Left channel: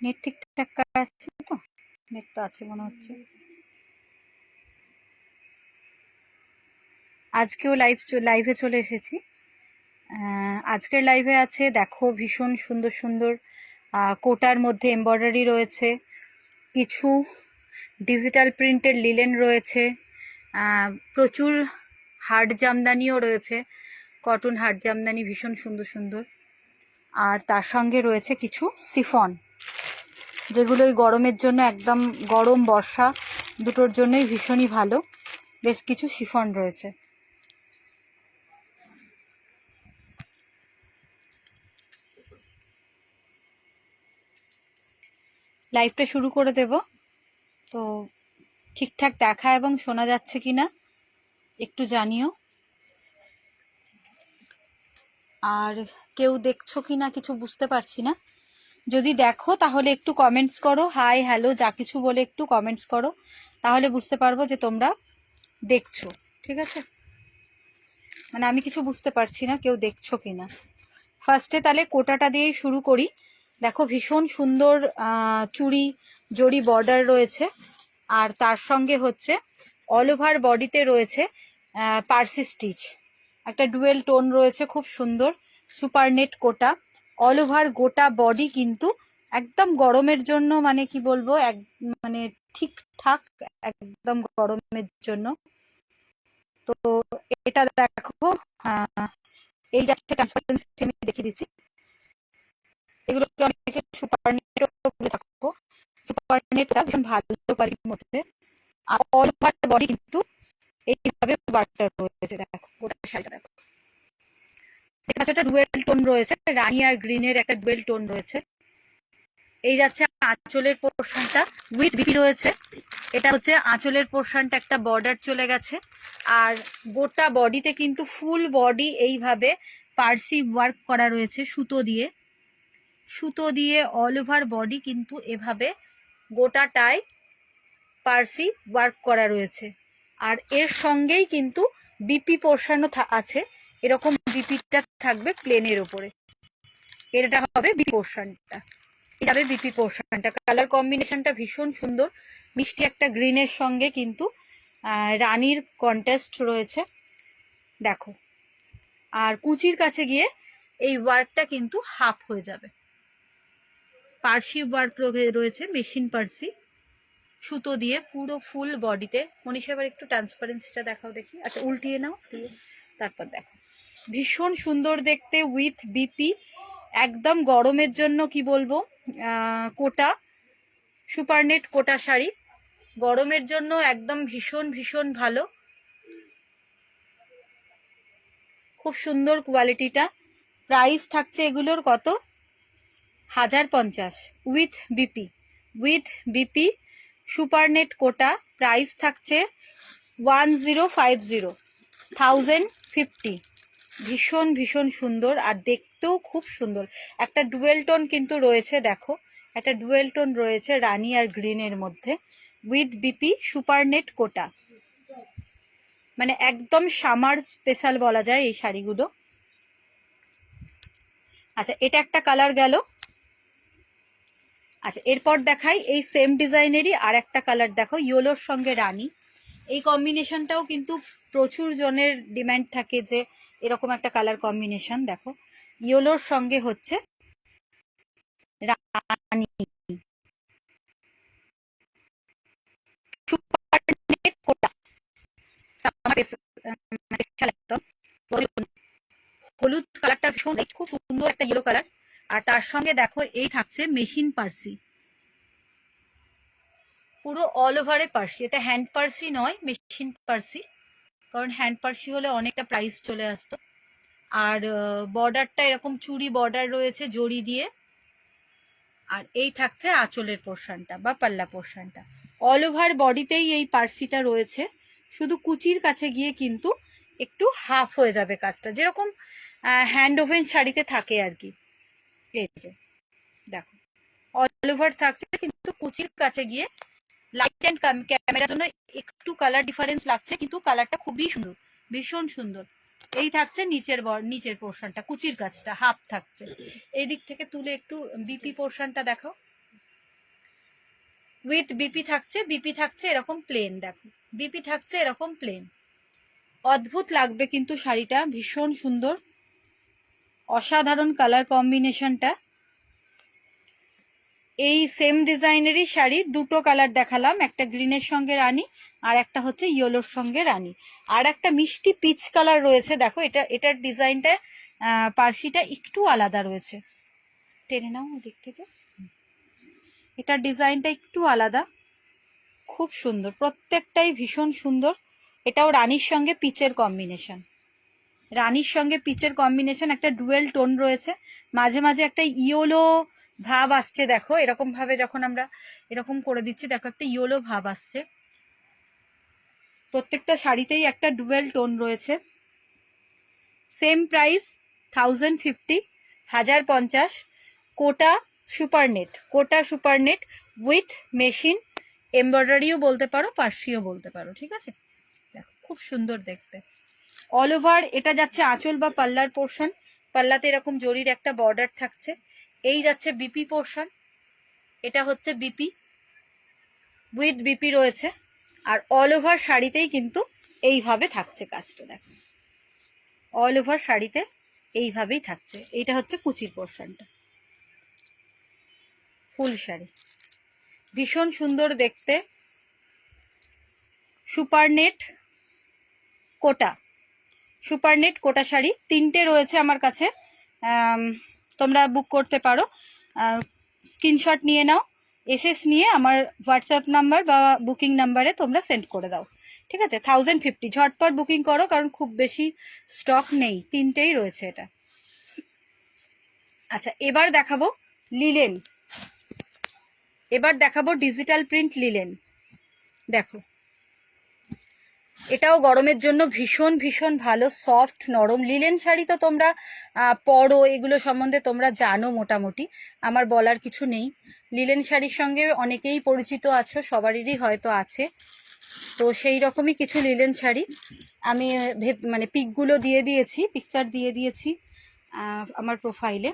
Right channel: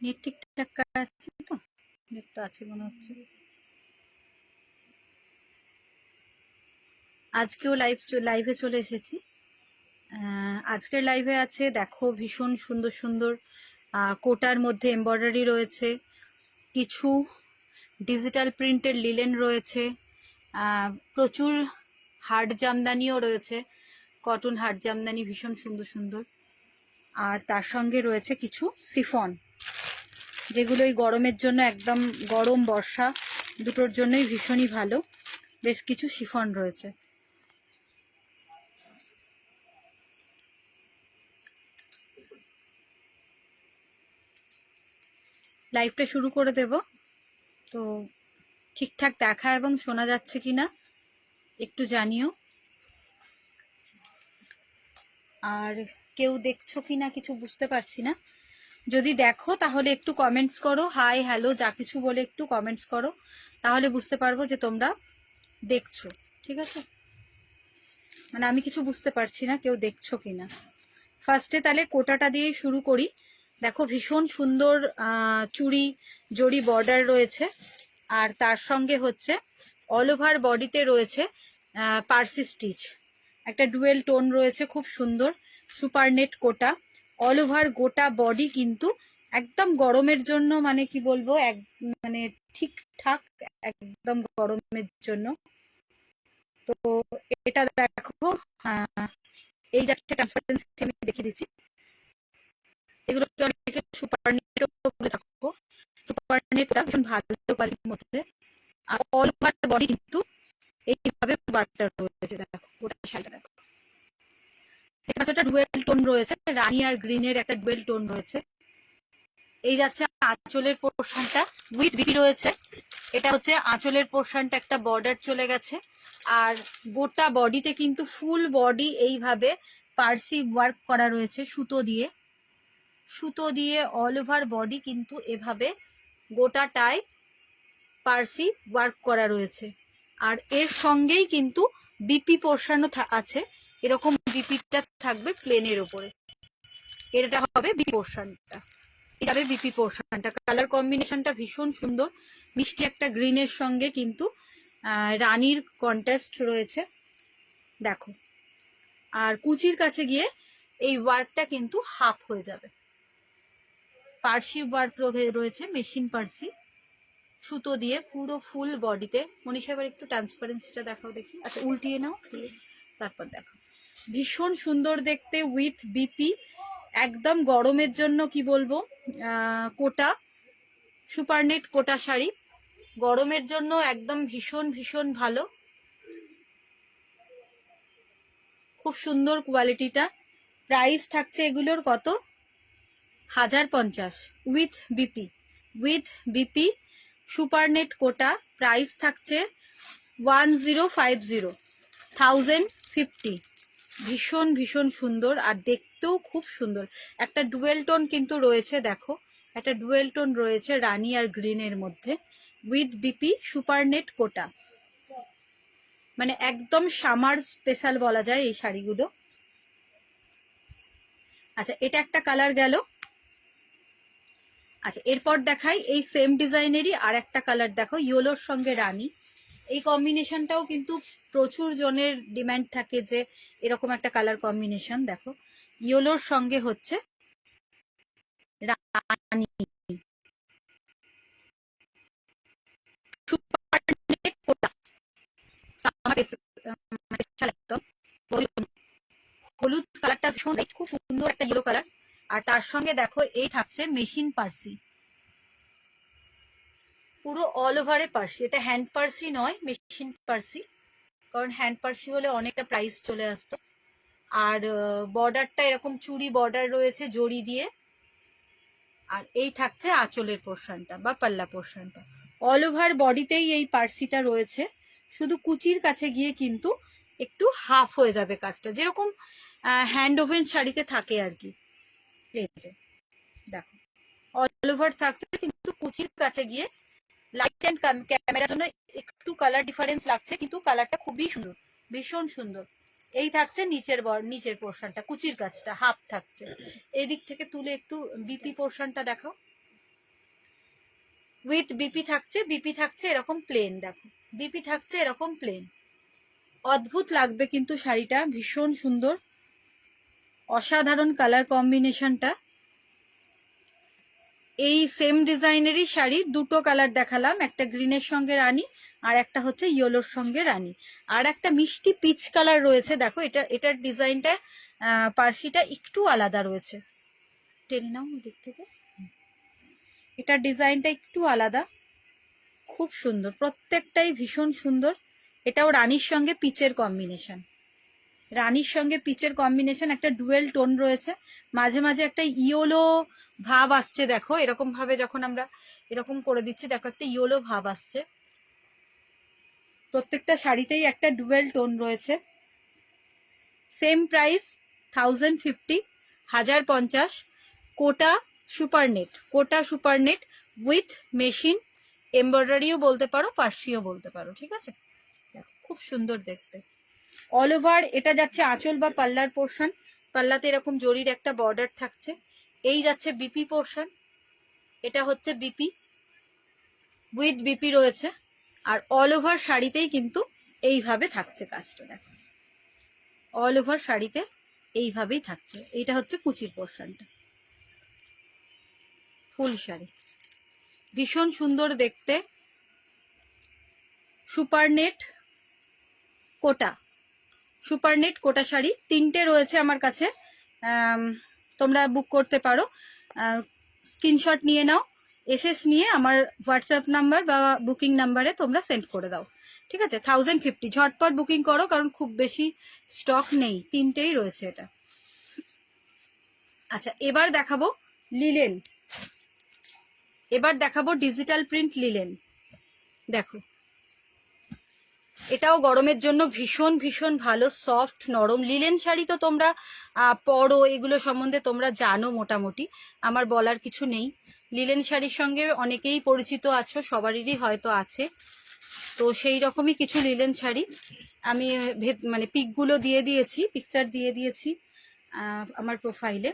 Net ঠিকঠাক আছে তো? নেট তো আছে মনে হচ্ছে। আজকেও লাইভে চলে এসেছি। আজকের লাইভে আছে দেখো ভীষণ সুন্দর সুন্দর কোটার মধ্যে এমব্রয়ডারি রয়েছে, কিছু ডিজিটাল প্রিন্টের লিলেন রয়েছে, প্রচুর হার্ড জামদানিও রয়েছে, কটন হার্ড জামদানি ভীষণ সুন্দর সুন্দর। আর তার সঙ্গে রয়েছে কিছু সিফন, যেগুলো এই গরমের জন্য একদম গরম বর্ষা দুটোর জন্যই ভীষণই ভালো। বেশ কিছু শিফন রয়েছে। লাইভটা শুরু করে দেব, তো ঠিকঠাক দেখা এবং শোনা যাচ্ছে কিনা একটু জানিও। আর কেউ দেখছো কিনা কিছু বুঝতে পারছি না। যদি দেখো তাহলে একটু কমেন্টস করো, হাই হ্যালো যা কিছু বলে একটু কমেন্টস করো, তাহলে বুঝতে পারবো যে তোমরা দেখছো। ঠিক আছে, মানে আমি কিছু বুঝতে পারছি না কেউ দেখছো কিনা। ফার্স্টে তাহলে কোটাটা দিয়েই শুরু করি। দেখো ভীষণ সুন্দর চুড়ি জড়ি বর্ডার রয়েছে, আর তার সঙ্গে হচ্ছে অল ওভার বডিতে রয়েছে পার্সি স্টিচ, একটা ডুয়েল টোন রয়েছে, খুব সুন্দর সুপার নেট কোটা অল ওভার গোটা বডি, কিন্তু একদম গরমের জন্য মানে কি বলবো মানে ঠিকঠাক একদম গরমের জন্য। তো এটা দেখো এই যাচ্ছে ট্রান্সপারেন্সি আমি দেখিয়ে দিচ্ছি। এগুলোকে অনেকে সুপার নেটও বলে থাকো। সুপার নেটটা ভীষণ ভালো কোয়ালিটির মধ্যে, আর অল ওভার বডি কিন্তু এইভাবে ওয়ার্কটা রয়েছে। দেখো গোটা শাড়িটা দেখো, একটা ডুয়েল টোন রয়েছে, রানী আর গ্রিনের একটা ডুয়েল টোন রয়েছে। এই যাচ্ছে আঁচলের পোর্শনটা উইথ বিপি রয়েছে। এটা হচ্ছে আঁচলের পোর্শনটা, একটা বর্ডার চলে গেছে, আর গোটা বডিতে কিন্তু ফুল বডি এইভাবে পার্সি ওয়ার্ক করা রয়েছে সুতো দিয়ে। সুতো দিয়ে অল ওভার বডি কিন্তু এভাবে গোটাটায় পার্সি ওয়ার্ক করা রয়েছে। আর এর সঙ্গেই কিন্তু বিপি পোর্শনও আছে, এরকম বিপিটা থাকবে প্লেনের ওপরে। এটা হবে বিপি পোর্শনটা, এটা বিপি পোর্শনটা। কালার কম্বিনেশনটা ভীষণ সুন্দর, মিষ্টি একটা গ্রিনের সঙ্গে কিন্তু রানীর কন্ট্রাস্ট রয়েছে দেখো। আর কুচির কাছে গিয়ে এই ওয়ার্কটা কিন্তু হাফ হয়ে যাবে। পার্সি ওয়ার্ক রয়েছে, মেশিন পার্সি সুতো দিয়ে পুরো ফুল বডিতে। মনীষা এবার একটু ট্রান্সপারেন্সিটা দেখাও দেখি। আচ্ছা উল্টিয়ে নাও, দিয়ে তারপর দেখো। ভীষণ সুন্দর দেখতে উইথ বিপি, একদম গরমের জন্য কি বলবো কোটা সুপার নেট কোটা শাড়ি গরমের জন্য একদম ভীষণ ভীষণ ভালো, খুব সুন্দর কোয়ালিটিটা। প্রাইস থাকছে এগুলোর কত, 1050 with BP. With BP super net quota price থাকছে 1050, 1050। ভীষণ ভীষণ সুন্দর, আর দেখতেও খুব সুন্দর। একটা ডুয়েল টোন কিন্তু রয়েছে দেখো, একটা ডুয়েল টোন রয়েছে রানী আর গ্রিনের মধ্যে, উইথ বিপি সুপার নেট কোটা, মানে একদম সামার স্পেশাল বলা যায় এই শাড়িগুলো। আচ্ছা এটা একটা কালার গেল। আচ্ছা এরপর দেখাই এই সেম ডিজাইনেরই আর একটা কালার দেখো, ইয়েলোর সঙ্গে রানী। এই কম্বিনেশনটাও কিন্তু প্রচুর জনের ডিমান্ড থাকে যে এরকম একটা কালার কম্বিনেশন। দেখো ইয়েলোর সঙ্গে হচ্ছে রানী, হলুদ কালারটা ভীষণ খুব সুন্দর একটা ইয়েলো কালার। আর তার সঙ্গে দেখো এই থাকছে মেশিন পার্সি, পুরো অল ওভারে পার্সি। এটা হ্যান্ড পার্সি নয়, মেশিন পার্সি, কারণ হ্যান্ড পার্সি হলে অনেকটা প্রাইস চলে আসতো। আর বর্ডারটা এরকম চুড়ি বর্ডার রয়েছে জড়ি দিয়ে। আর এই থাকছে আঁচলের পোর্শনটা বা পাল্লা পোর্শনটা, অল ওভার বডিতেই এই পার্সিটা রয়েছে, শুধু কুচির কাছে গিয়ে কিন্তু একটু হাফ হয়ে যাবে কাজটা, যেরকম হ্যান্ড ওভেন শাড়িতে থাকে আর কি। এই যে দেখো অল ওভার থাকছে, কিন্তু কুচির কাছে গিয়ে লাইট অ্যান্ড ক্যামেরার জন্য একটু কালার ডিফারেন্স লাগছে, কিন্তু কালারটা খুবই সুন্দর, ভীষণ সুন্দর। এই থাকছে নিচের পোর্শনটা, কুচির কাছটা হাফ থাকছে। এই দিক থেকে তুলে একটু বিপি পোর্শনটা দেখো, উইথ বিপি থাকছে, বিপি থাকছে এরকম প্লেন, দেখো বিপি থাকছে এরকম প্লেন। অদ্ভুত লাগবে কিন্তু শাড়িটা, ভীষণ সুন্দর, অসাধারণ কালার কম্বিনেশনটা। এই সেম ডিজাইনেরই শাড়ি দুটো কালার দেখালাম, একটা গ্রিনের সঙ্গে রানী আর একটা হচ্ছে ইয়েলোর সঙ্গে রানী, আর একটা মিষ্টি পিচ কালার রয়েছে। দেখো এটার ডিজাইনটা পার্সিটা একটু আলাদা রয়েছে, টেনে নাও ওদিক থেকে, এটার ডিজাইনটা একটু আলাদা, খুব সুন্দর, প্রত্যেকটাই ভীষণ সুন্দর। এটাও রানীর সঙ্গে পিচের কম্বিনেশন, রানীর সঙ্গে পিচের কম্বিনেশন, একটা ডুয়েল টোন রয়েছে, মাঝে মাঝে একটা ইয়েলো ভাব আসছে। দেখো এরকম ভাবে যখন আমরা এরকম করে দিচ্ছি, দেখো একটা ইয়েলো ভাব আসছে। প্রত্যেকটা শাড়িতেই একটা ডুয়েল টোন রয়েছে। Same price 1050, 1050। Kota supernet, Kota supernet with machine এমব্রয়ডারিও বলতে পারো, পার্সিও বলতে পারো, ঠিক আছে। দেখো খুব সুন্দর দেখতে। অল ওভার এটা যাচ্ছে আঁচল বা পাল্লার পোর্শন, পাল্লাতে এরকম জরির একটা বর্ডার থাকছে। এই যাচ্ছে বিপি পোর্শন, এটা হচ্ছে বিপি, উইথ বিপি রয়েছে। আর অল ওভার শাড়িতেই কিন্তু এইভাবে থাকছে কাজটা, দেখো অল ওভার শাড়িতে এইভাবেই থাকছে। এইটা হচ্ছে কুচির পোর্শনটা, ফুল শাড়ি ভীষণ সুন্দর দেখতে। সুপারনেট কোটা, সুপারনেট কোটা শাড়ি তিনটে রয়েছে আমার কাছে, তোমরা বুক করতে পারো। স্ক্রিনশট নিয়ে নাও, এসএস নিয়ে আমার হোয়াটসঅ্যাপ নাম্বার বা বুকিং নাম্বারে তোমরা সেন্ড করে দাও, ঠিক আছে। 1050, ঝটপট বুকিং করো কারণ খুব বেশি স্টক নেই, তিনটেই রয়েছে এটা। আচ্ছা এবার দেখাবো লিলেন, এবার দেখাবো ডিজিটাল প্রিন্ট লিলেন। দেখো এটাও গরমের জন্য ভীষণ ভীষণ ভালো, সফট নরম লিলেন শাড়ি তো তোমরা পরো, এগুলো সম্বন্ধে তোমরা জানো মোটামুটি, আমার বলার কিছু নেই। লিলেন শাড়ির সঙ্গে অনেকেই পরিচিত আছো, সবারই হয়তো আছে। তো সেই রকমই কিছু লিলেন শাড়ি আমি মানে পিকগুলো দিয়ে দিয়েছি, পিকচার দিয়ে দিয়েছি আমার প্রোফাইলে।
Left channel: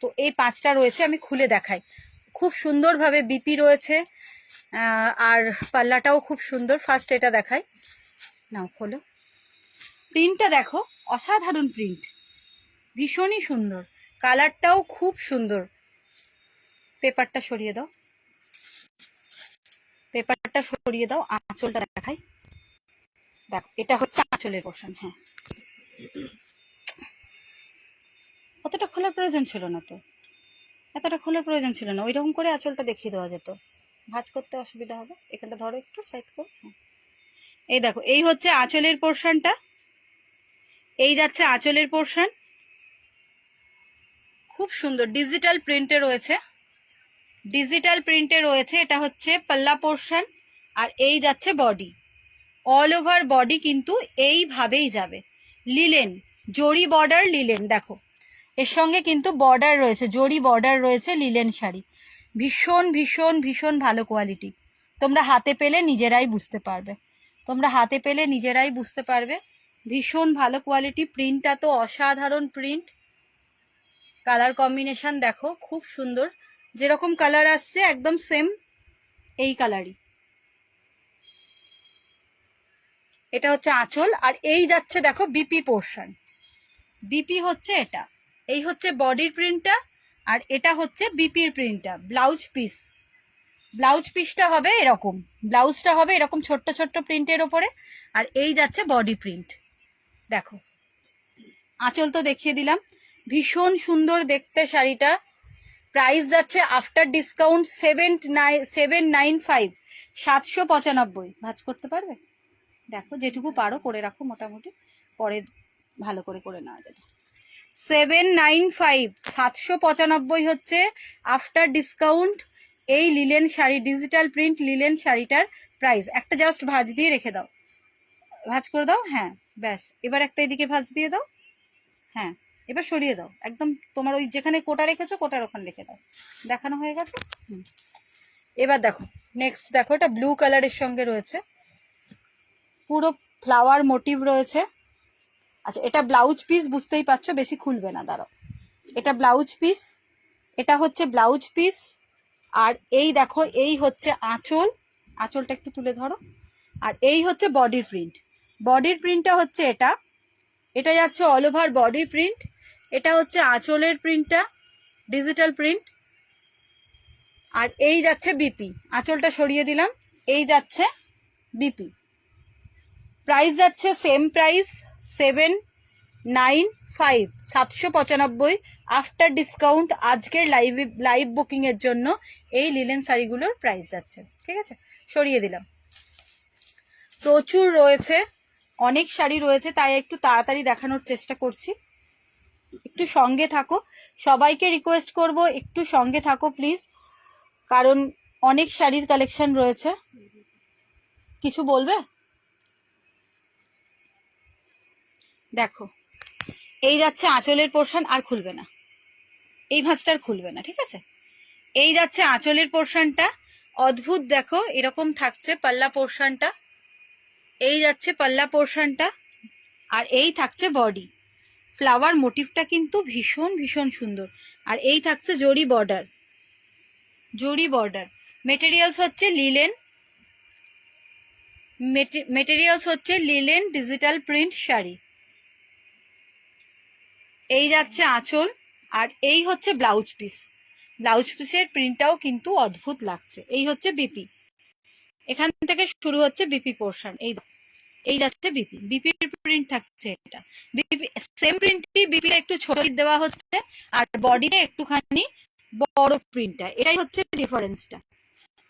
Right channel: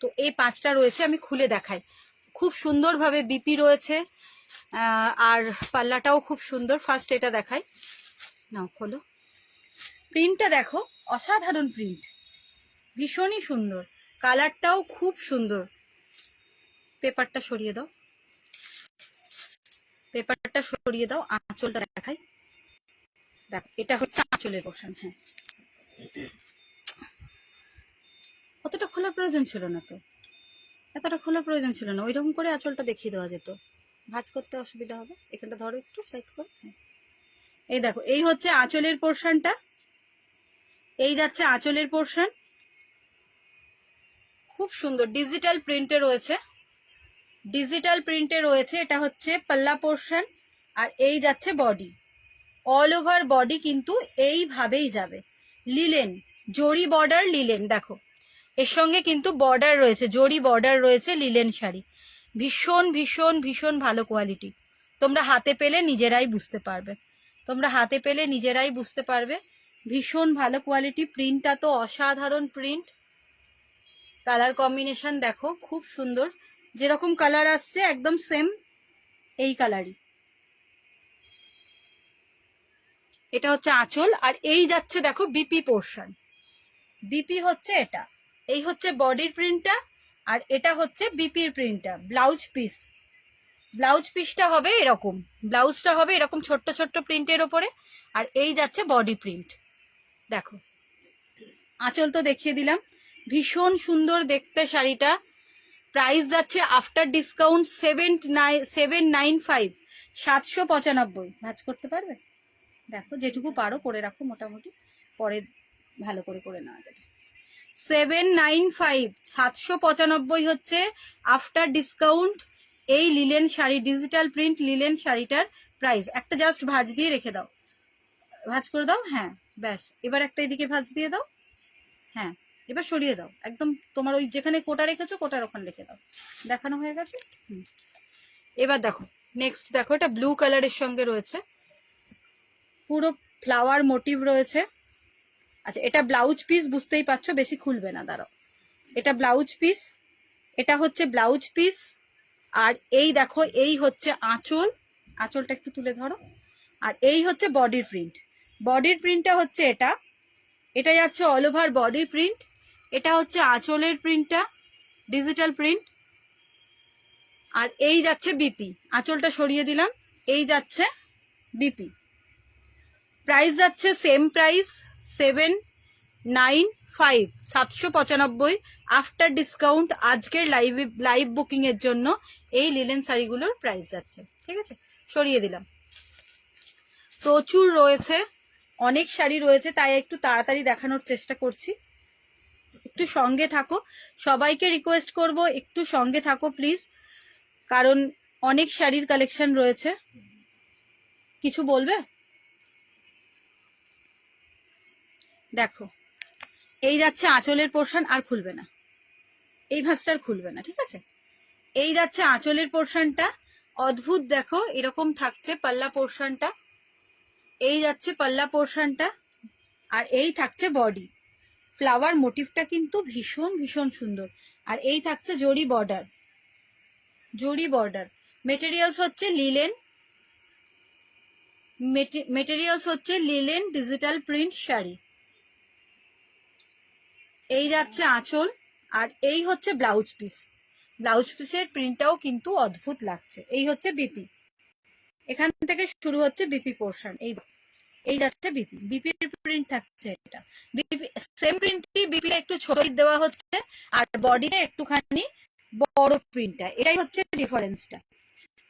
তো এই 5টা রয়েছে, আমি খুলে দেখাই। খুব সুন্দরভাবে বিপি রয়েছে, আর পাল্লাটাও খুব সুন্দর। ফার্স্ট এটা দেখাই, নাও খোলো। প্রিন্টটা দেখো, অসাধারণ প্রিন্ট, ভীষণই সুন্দর, কালারটাও খুব সুন্দর। পেপারটা সরিয়ে দাও, পেপারটা সরিয়ে দাও, আঁচলটা দেখাই। দেখো এটা হচ্ছে আঁচলের পোর্শন। হ্যাঁ অতটা খোলার প্রয়োজন ছিল না, তো এতটা খোলার প্রয়োজন ছিল না, ওইরকম করে আঁচলটা দেখিয়ে দেওয়া যেত, ভাঁজ করতে অসুবিধা হবে। এখানটা ধরো একটু সাইড করে, এই দেখো এই হচ্ছে আঁচলের পোর্শনটা, এই যাচ্ছে আঁচলের পোর্শন, খুব সুন্দর ডিজিটাল প্রিন্টে রয়েছে, ডিজিটাল প্রিন্টে রয়েছে। এটা হচ্ছে পাল্লা পোর্শন, আর এই যাচ্ছে বডি, অল ওভার বডি কিন্তু এইভাবেই যাবে। লিলেন জরি বর্ডার লিলেন, দেখো এর সঙ্গে কিন্তু বর্ডার রয়েছে, জরি বর্ডার রয়েছে লিলেন শাড়ি, ভীষণ ভীষণ ভীষণ ভালো কোয়ালিটি। তোমরা হাতে পেলে নিজেরাই বুঝতে পারবে, তোমরা হাতে পেলে নিজেরাই বুঝতে পারবে, ভীষণ ভালো কোয়ালিটি। প্রিন্টটা তো অসাধারণ প্রিন্ট, কালার কম্বিনেশন দেখো খুব সুন্দর, যেরকম কালার আসছে একদম সেম এই কালারই। এটা হচ্ছে আঁচল, আর এই যাচ্ছে দেখো বিপি পোর্শন, বিপি হচ্ছে এটা, এই হচ্ছে বডির প্রিন্টটা, আর এটা হচ্ছে বিপির প্রিন্টটা। ব্লাউজ পিস, ব্লাউজ পিসটা হবে এরকম, ব্লাউজটা হবে এরকম ছোট্ট ছোট্ট প্রিন্টের ওপরে, আর এই যাচ্ছে বডি প্রিন্ট। দেখো আঁচল তো দেখিয়ে দিলাম, ভীষণ সুন্দর দেখতে শাড়িটা। প্রাইস যাচ্ছে আফটার ডিসকাউন্ট 795, 795। ভাঁজ করতে পারবে? দেখো যেটুকু পারো করে রাখো, মোটামুটি পরে ভালো করে করে নেওয়া যাবে। 795, 795 হচ্ছে আফটার ডিসকাউন্ট এই linen sari, digital print linen শাড়িটার প্রাইস। একটা জাস্ট ভাঁজ দিয়ে রেখে দাও, ভাঁজ করে দাও, হ্যাঁ ব্যাস। এবার একটা এদিকে ভাঁজ দিয়ে দাও, হ্যাঁ এবার সরিয়ে দাও একদম, তোমার ওই যেখানে কোটা রেখেছো কোটার ওখানে রেখে দাও, দেখানো হয়ে গেছে। এবার দেখো নেক্সট, দেখো এটা ব্লু কালারের সঙ্গে রয়েছে, পুরো ফ্লাওয়ার মোটিভ রয়েছে। আচ্ছা এটা ব্লাউজ পিস, বুঝতেই পারছো বেশি খুলবে না, দাঁড়াও। এটা ব্লাউজ পিস, এটা হচ্ছে ব্লাউজ পিস, আর এই দেখো, এই হচ্ছে আঁচল, আঁচলটা একটু তুলে ধরো। আর এই হচ্ছে বডির প্রিন্ট। বডির প্রিন্টটা হচ্ছে এটা, এটা যাচ্ছে অল ওভার বডি প্রিন্ট। এটা হচ্ছে আঁচলের প্রিন্টটা, ডিজিটাল প্রিন্ট। আর এই যাচ্ছে বিপি, আঁচলটা সরিয়ে দিলাম, এই যাচ্ছে বিপি। প্রাইস যাচ্ছে সেম প্রাইস 795, 795 আফটার ডিসকাউন্ট। আজকের লাইভ বুকিং এর জন্য এই লিলেন শাড়িগুলোর প্রাইস যাচ্ছে। ঠিক আছে, সরিয়ে দিলাম। প্রচুর রয়েছে, অনেক শাড়ি রয়েছে, তাই একটু তাড়াতাড়ি দেখানোর চেষ্টা করছি। একটু সঙ্গে থাকো, সবাইকে রিকোয়েস্ট করব একটু সঙ্গে থাকো প্লিজ, কারণ অনেক শাড়ির কালেকশন রয়েছে। কিছু বলবে? দেখো, এই যাচ্ছে আঁচলের পোর্শন, আর খুলবে না, এই ভাঁজটার খুলবে না, ঠিক আছে। এই যাচ্ছে আঁচলের পোর্শনটা, অদ্ভুত দেখো এরকম থাকছে পাল্লা পোর্শনটা, এই যাচ্ছে পাল্লা পোর্শনটা, আর এই থাকছে বডি। ফ্লাওয়ার মোটিভটা কিন্তু ভীষণ ভীষণ সুন্দর। আর এই থাকছে জরি বর্ডার, জরি বর্ডার। মেটেরিয়ালস হচ্ছে লিলেন, মেটেরিয়ালস হচ্ছে লিলেন ডিজিটাল প্রিন্ট শাড়ি। এই যাচ্ছে আঁচল, আর এই হচ্ছে ব্লাউজ পিস। ব্লাউজ পিসের প্রিন্টটাও কিন্তু অদ্ভুত লাগছে। এই হচ্ছে বিপি, এখান থেকে শুরু হচ্ছে বিপি পোর্শন। এই যাচ্ছে বিপি, বিপির প্রিন্ট থাকছে এটা। বিপি সেম প্রিন্টই বিপি একটু ছোট দেওয়া হচ্ছে, আর বডিতে একটুখানি বড় প্রিন্টটা, এটাই হচ্ছে ডিফারেন্সটা।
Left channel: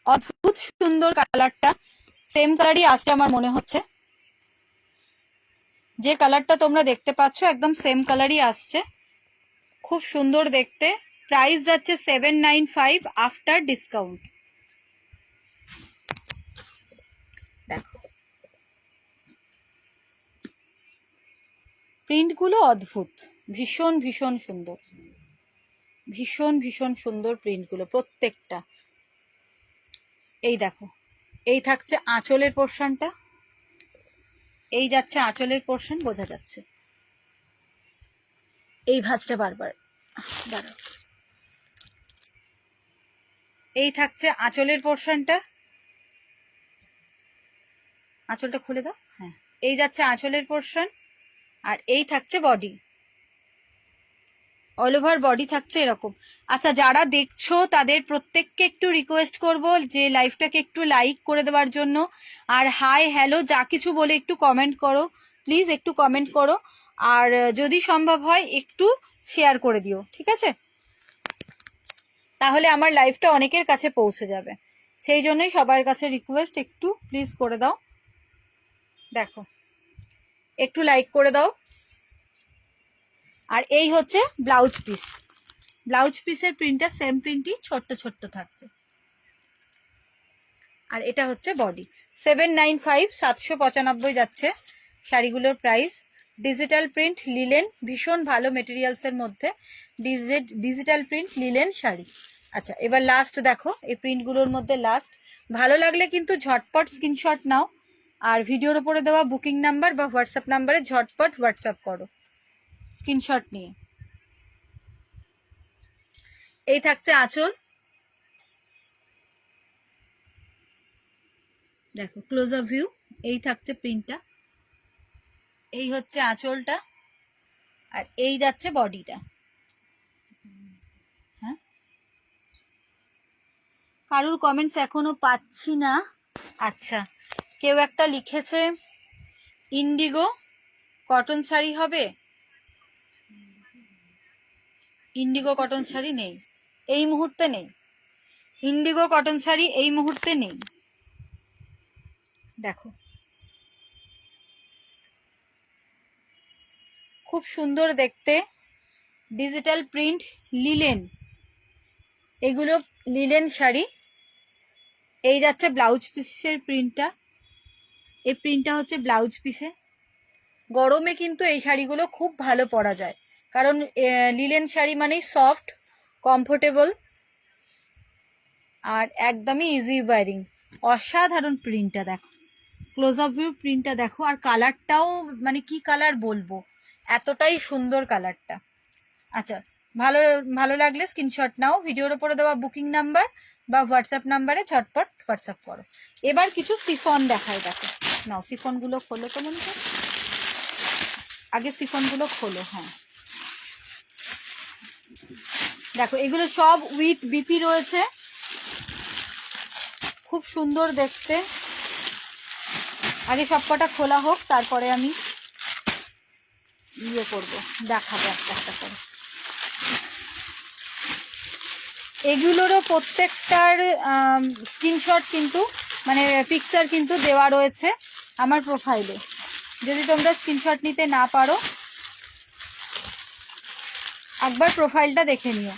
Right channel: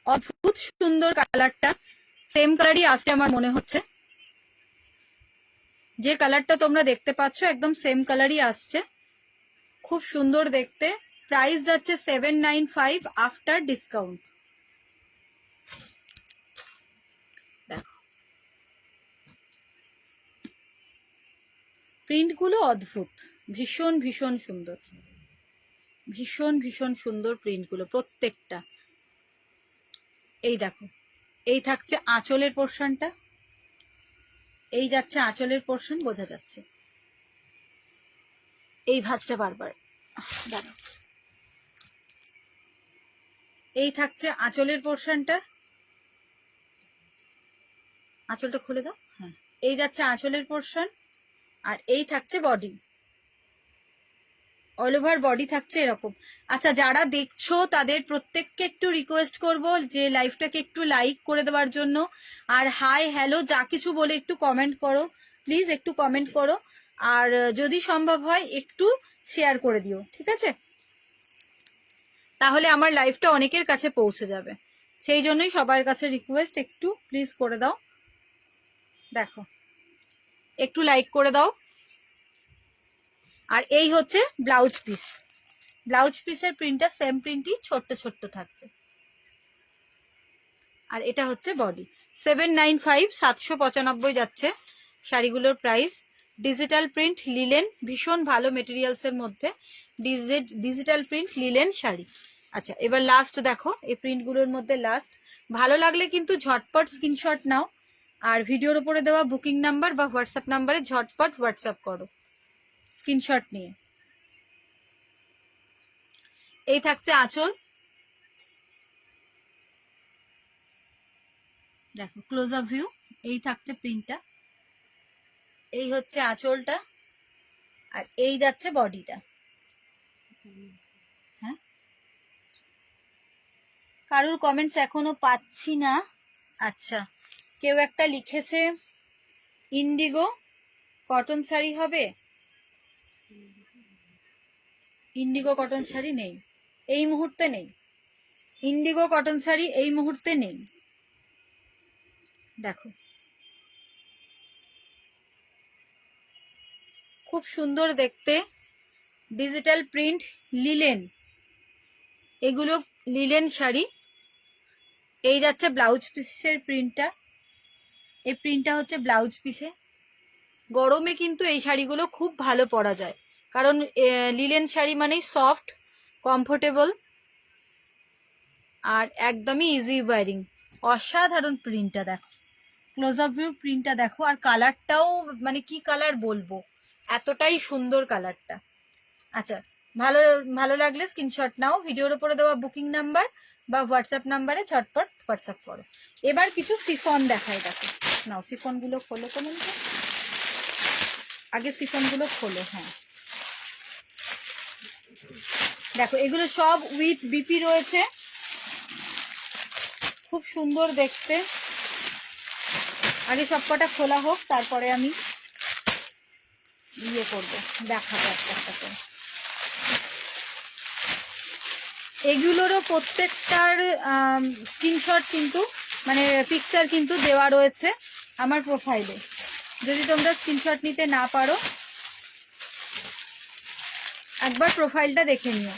অদ্ভুত সুন্দর কালারটা, সেম কালারই আসছে আমার মনে হচ্ছে। যে কালারটা তোমরা দেখতে পাচ্ছ একদম সেম কালারই আসছে, খুব সুন্দর দেখতে। প্রাইস যাচ্ছে 795 আফটার ডিসকাউন্ট। দেখো প্রিন্টগুলো অদ্ভুত, ভীষণ ভীষণ সুন্দর, ভীষণ ভীষণ সুন্দর প্রিন্টগুলো প্রত্যেকটা। এই দেখো, এই থাকছে আঁচলের পোর্শনটা, এই যাচ্ছে আঁচলের পোর্শন, বোঝা যাচ্ছে। এই ভাঁজটা বারবার দাঁড়াও, এই থাকছে আঁচলের পোর্শনটা, আঁচলটা খুলে দাও, হ্যাঁ। এই যাচ্ছে আঁচলের পোর্শন, আর এই থাকছে বডি, অল ওভার বডি থাকছে এরকম। আচ্ছা, যারা দেখছো তাদের প্রত্যেককে একটু রিকোয়েস্ট করব যে লাইভটাকে একটু লাইক করে দেওয়ার জন্য, আর হাই হ্যালো যা কিছু বলে একটু কমেন্ট করো প্লিজ, একটু কমেন্ট করো। আর যদি সম্ভব হয় একটু শেয়ার করে দিও, ঠিক আছে, তাহলে আমার লাইভটা অনেকের কাছে পৌঁছে যাবে। সেই জন্যই সবার কাছে রিকোয়েস্ট, একটু প্লিজ করে দাও। দেখো, একটু লাইক করে দাও। আর এই হচ্ছে ব্লাউজ পিস, ব্লাউজ পিসের প্রিন্টটা সেম প্রিন্টই, ছোট্ট ছোট্ট থাকছে। আর এটা হচ্ছে বডি। 795, 795 যাচ্ছে শাড়িগুলোর প্রাইস। ডিজিটাল প্রিন্ট লিলেন, ভীষণ ভালো মেটেরিয়ালসের মধ্যে ডিজিটাল প্রিন্ট লিলেন শাড়ি। আচ্ছা, এবার লাস্ট দেখো, এই প্রিন্টগুলোর মধ্যে লাস্ট। ভালো লাগলে কিন্তু ঝটপট স্ক্রিনশট নাও, আর ভিডিওর উপরে দেওয়া বুকিং নাম্বার বা হোয়াটসঅ্যাপ নাম্বারে ঝটপট হোয়াটসঅ্যাপ করো স্ক্রিনশট নিয়ে। এই থাকছে আঁচল, দেখো ক্লোজ আপ ভিউ। এই থাকছে প্রিন্টটা, এই হচ্ছে আঁচলটা, আর এই যাচ্ছে বডিটা। হ্যাঁ, কারুর কমেন্টস এখনো পাচ্ছি না। আচ্ছা, কেউ একটা লিখেছে ইন্ডিগো কটন শাড়ি হবে। ইন্ডিগো কটন শাড়ি নেই, এই মুহূর্তে নেই। ইন্ডিগো কটন শাড়ি এই মুহূর্তে নেই। দেখো খুব সুন্দর দেখতে, ডিজিটাল প্রিন্ট লিলেন, এগুলো লিলেন শাড়ি। এই যাচ্ছে ব্লাউজ পিসের প্রিন্টটা, এই প্রিন্টটা হচ্ছে ব্লাউজ পিসে। গরমে কিন্তু এই শাড়িগুলো খুব ভালো পরা যায়, কারণ লিলেন শাড়ি মানেই সফট, কমফোর্টেবল, আর একদমই ইজি ওয়ারিং। অসাধারণ প্রিন্টটা দেখো, ক্লোজ আপ ভিউ প্রিন্টটা দেখো। আর কালারটাও মানে কি কালার বলবো, এতটাই সুন্দর কালারটা। আচ্ছা, ভালো ভালো লাগলে স্ক্রিনশট নাও, ভিডিওর উপরে দেওয়া বুকিং নাম্বার বা হোয়াটসঅ্যাপ নাম্বারে ঝটপট হোয়াটসঅ্যাপ করো। এবার কিছু সিফন দেখায়, দেখো নাও সিফন গুলো খোলো তো মনে হয়, আগে সিফন গুলো খোলো। হ্যাঁ দেখো এগুলো সব উইথ বিপি রয়েছে, খুব সুন্দর দেখতে। আগে সব কটা খোলা হোক, তারপরে আমি ইয়ে করবো, দেখাবো একটা একটা করে। এগুলোরও প্রত্যেকটার স্ক্রিনশট কিন্তু মানে পিকচার কিন্তু দেওয়া রয়েছে আমার প্রোফাইলে, যদি তোমরা স্ক্রিনশট নিতে না পারো একবার প্রোফাইলটা দেখে নিও।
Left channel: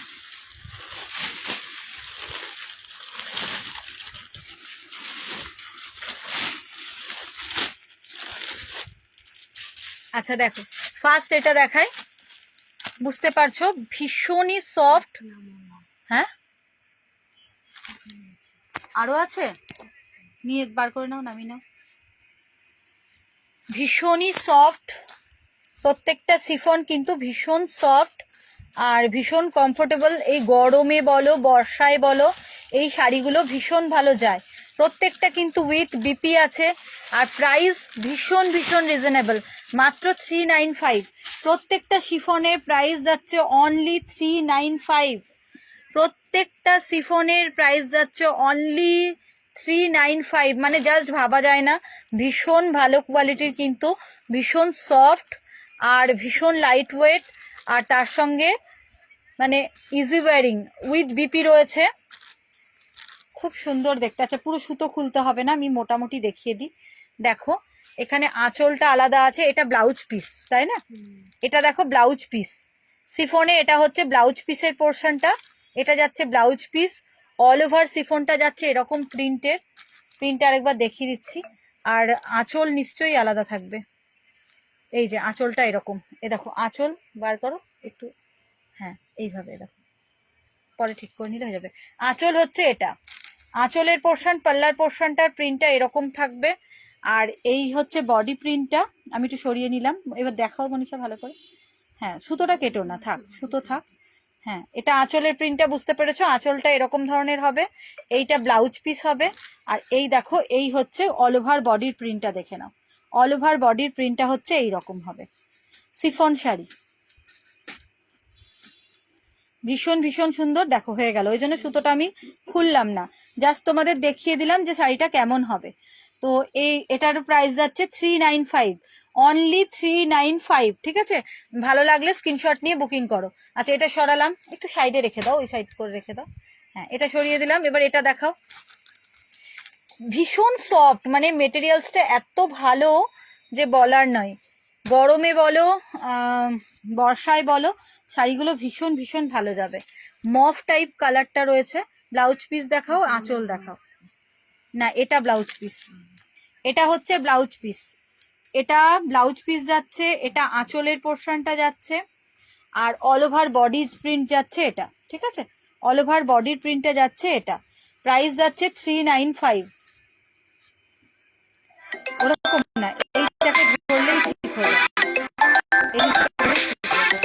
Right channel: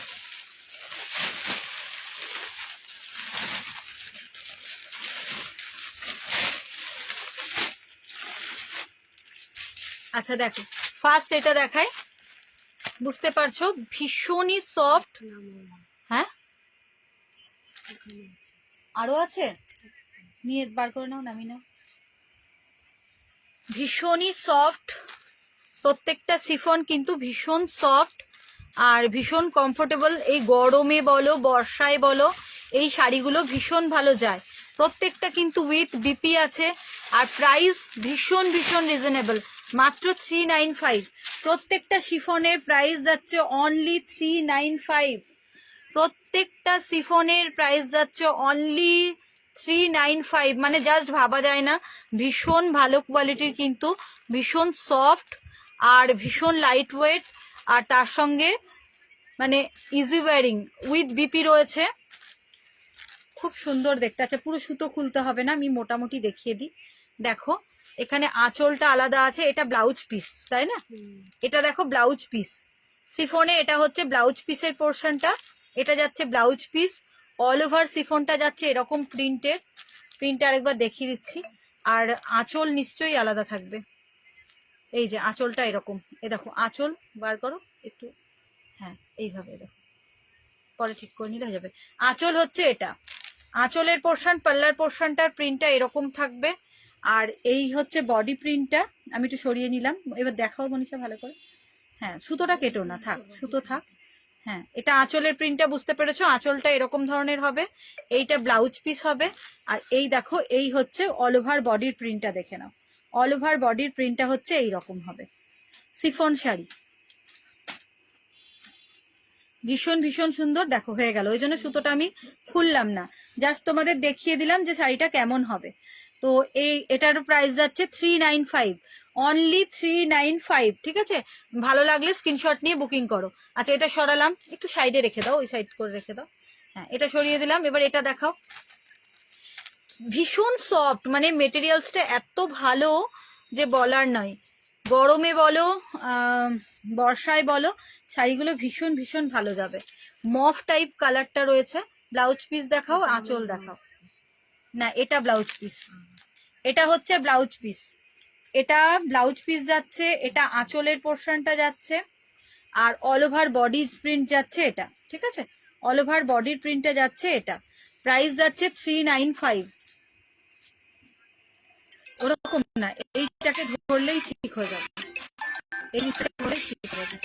আচ্ছা দেখো ফার্স্ট এটা দেখাই, বুঝতে পারছো ভীষণই সফট। হ্যাঁ আরো আছে, নিয়ে বার করে নাও, নামিয়ে নাও। ভীষণই সফট, প্রত্যেকটা সিফন কিন্তু ভীষণ সফট আর ভীষণ কমফোর্টেবল। এই গরমে বলো বর্ষায় বলো এই শাড়িগুলো ভীষণ ভালো যায়। প্রত্যেকটা কিন্তু উইথ বিপি আছে আর প্রাইস ভীষণ ভীষণ রিজনেবল, মাত্র 395। প্রত্যেকটা শিফনের প্রাইস যাচ্ছে অনলি 395। প্রত্যেকটা সিফনের প্রাইস যাচ্ছে অনলি 395, মানে জাস্ট ভাবা যায় না। ভীষণ ভালো কোয়ালিটির কিন্তু, ভীষণ সফট আর ভীষণ লাইট ওয়েট, আর তার সঙ্গে মানে ইজি ওয়ারিং উইথ বিপি রয়েছে, খুব সুন্দর দেখতে। আচ্ছা পুরো সুতো খুলতে হবে না, আমি মোটামুটি দেখিয়ে দিই। দেখো এখানে আঁচলটা আলাদা আছে, এটা ব্লাউজ পিস তাই না, এটা দেখো ব্লাউজ পিস সিফনে, এটা হচ্ছে ব্লাউজ পিসের পোর্শনটা, এটা যাচ্ছে ব্লাউজ পিস। অল ওভার সিফনটা যাচ্ছে এরকম প্রিন্টের, প্রিন্ট আরেকবার দেখিয়ে দিচ্ছি। আর আঁচল নিশ্চয়ই আলাদা থাকবে, এই যে আঁচলটা এরকম, এ দেখো আঁচল বার করো একটু, হ্যাঁ এইভাবে দেখো, পরে ঠিক করে নিলে হয়ে যাবে। আঁচল হচ্ছে এটা, আঁচলের পোর্শন, পাল্লার পোর্শনটার প্রিন্টটা এরকম থাকবে। আর এই হচ্ছে বডি প্রিন্টটা, আমি একটু সরিয়ে নিলাম, এবার দেখাও মনীষা ভালো করে। হ্যাঁ সুতোটা কেটো না, থাক সুতো থাক। হ্যাঁ এটা আঁচলের প্রিন্টটা বুঝতে পেরেছো, আঁচলটা এরকম ধরনের হবে, এইটা ব্লাউজ পিস হবে। আর এই দেখো এই হচ্ছে অল ওভার বডির প্রিন্টটা, দেখে নাও অল ওভার বডির প্রিন্টটা হচ্ছে এইরকম হবে। সিফন শাড়ি ভীষণ ভীষণ সুন্দর, দেখো হয়ে গেল, ওই জন্য সুতোটা আমি খুললাম না, জাস্ট তোমাদের দেখিয়ে দিলাম যে শাড়িটা কেমন হবে। তো এটার প্রাইস যাচ্ছে 395, অনলি 395, ঠিক আছে। ভালো লাগলে স্ক্রিনশট নিয়ে বুকিং করো। আচ্ছা এটা সরালাম, একটু সাইডে রেখে দাও, ওই সাইড করে রেখে দাও। হ্যাঁ এটা সরিয়ে দিলাম, এবার এটা দেখাও। ভীষণ সফট, মানে মেটেরিয়ালসটা এত ভালো যে বলার নয়। গরমে বলো বর্ষায় বলো শাড়িগুলো ভীষণ ভীষণ ভালো যাবে। মফ টাইপ কালারটা রয়েছে। ব্লাউজ পিস দেখাও, আঁচল দেখাও। না এটা ব্লাউজ পিস, এটা হচ্ছে ব্লাউজ পিস, এটা ব্লাউজ পিস যাচ্ছে, এটা আঁচলের পোর্শনটা যাচ্ছে, আর অল ওভার বডি প্রিন্ট যাচ্ছে এটা, ঠিক আছে। অল ওভার বডি প্রিন্টটা যাচ্ছে এটা, প্রাইস যাচ্ছে 395। ওরকম না, এইটাকে ধরলেই ঠিক হয়ে যাবে, এই জিনিসটা ধরলেই ঠিক হয়ে যাবে।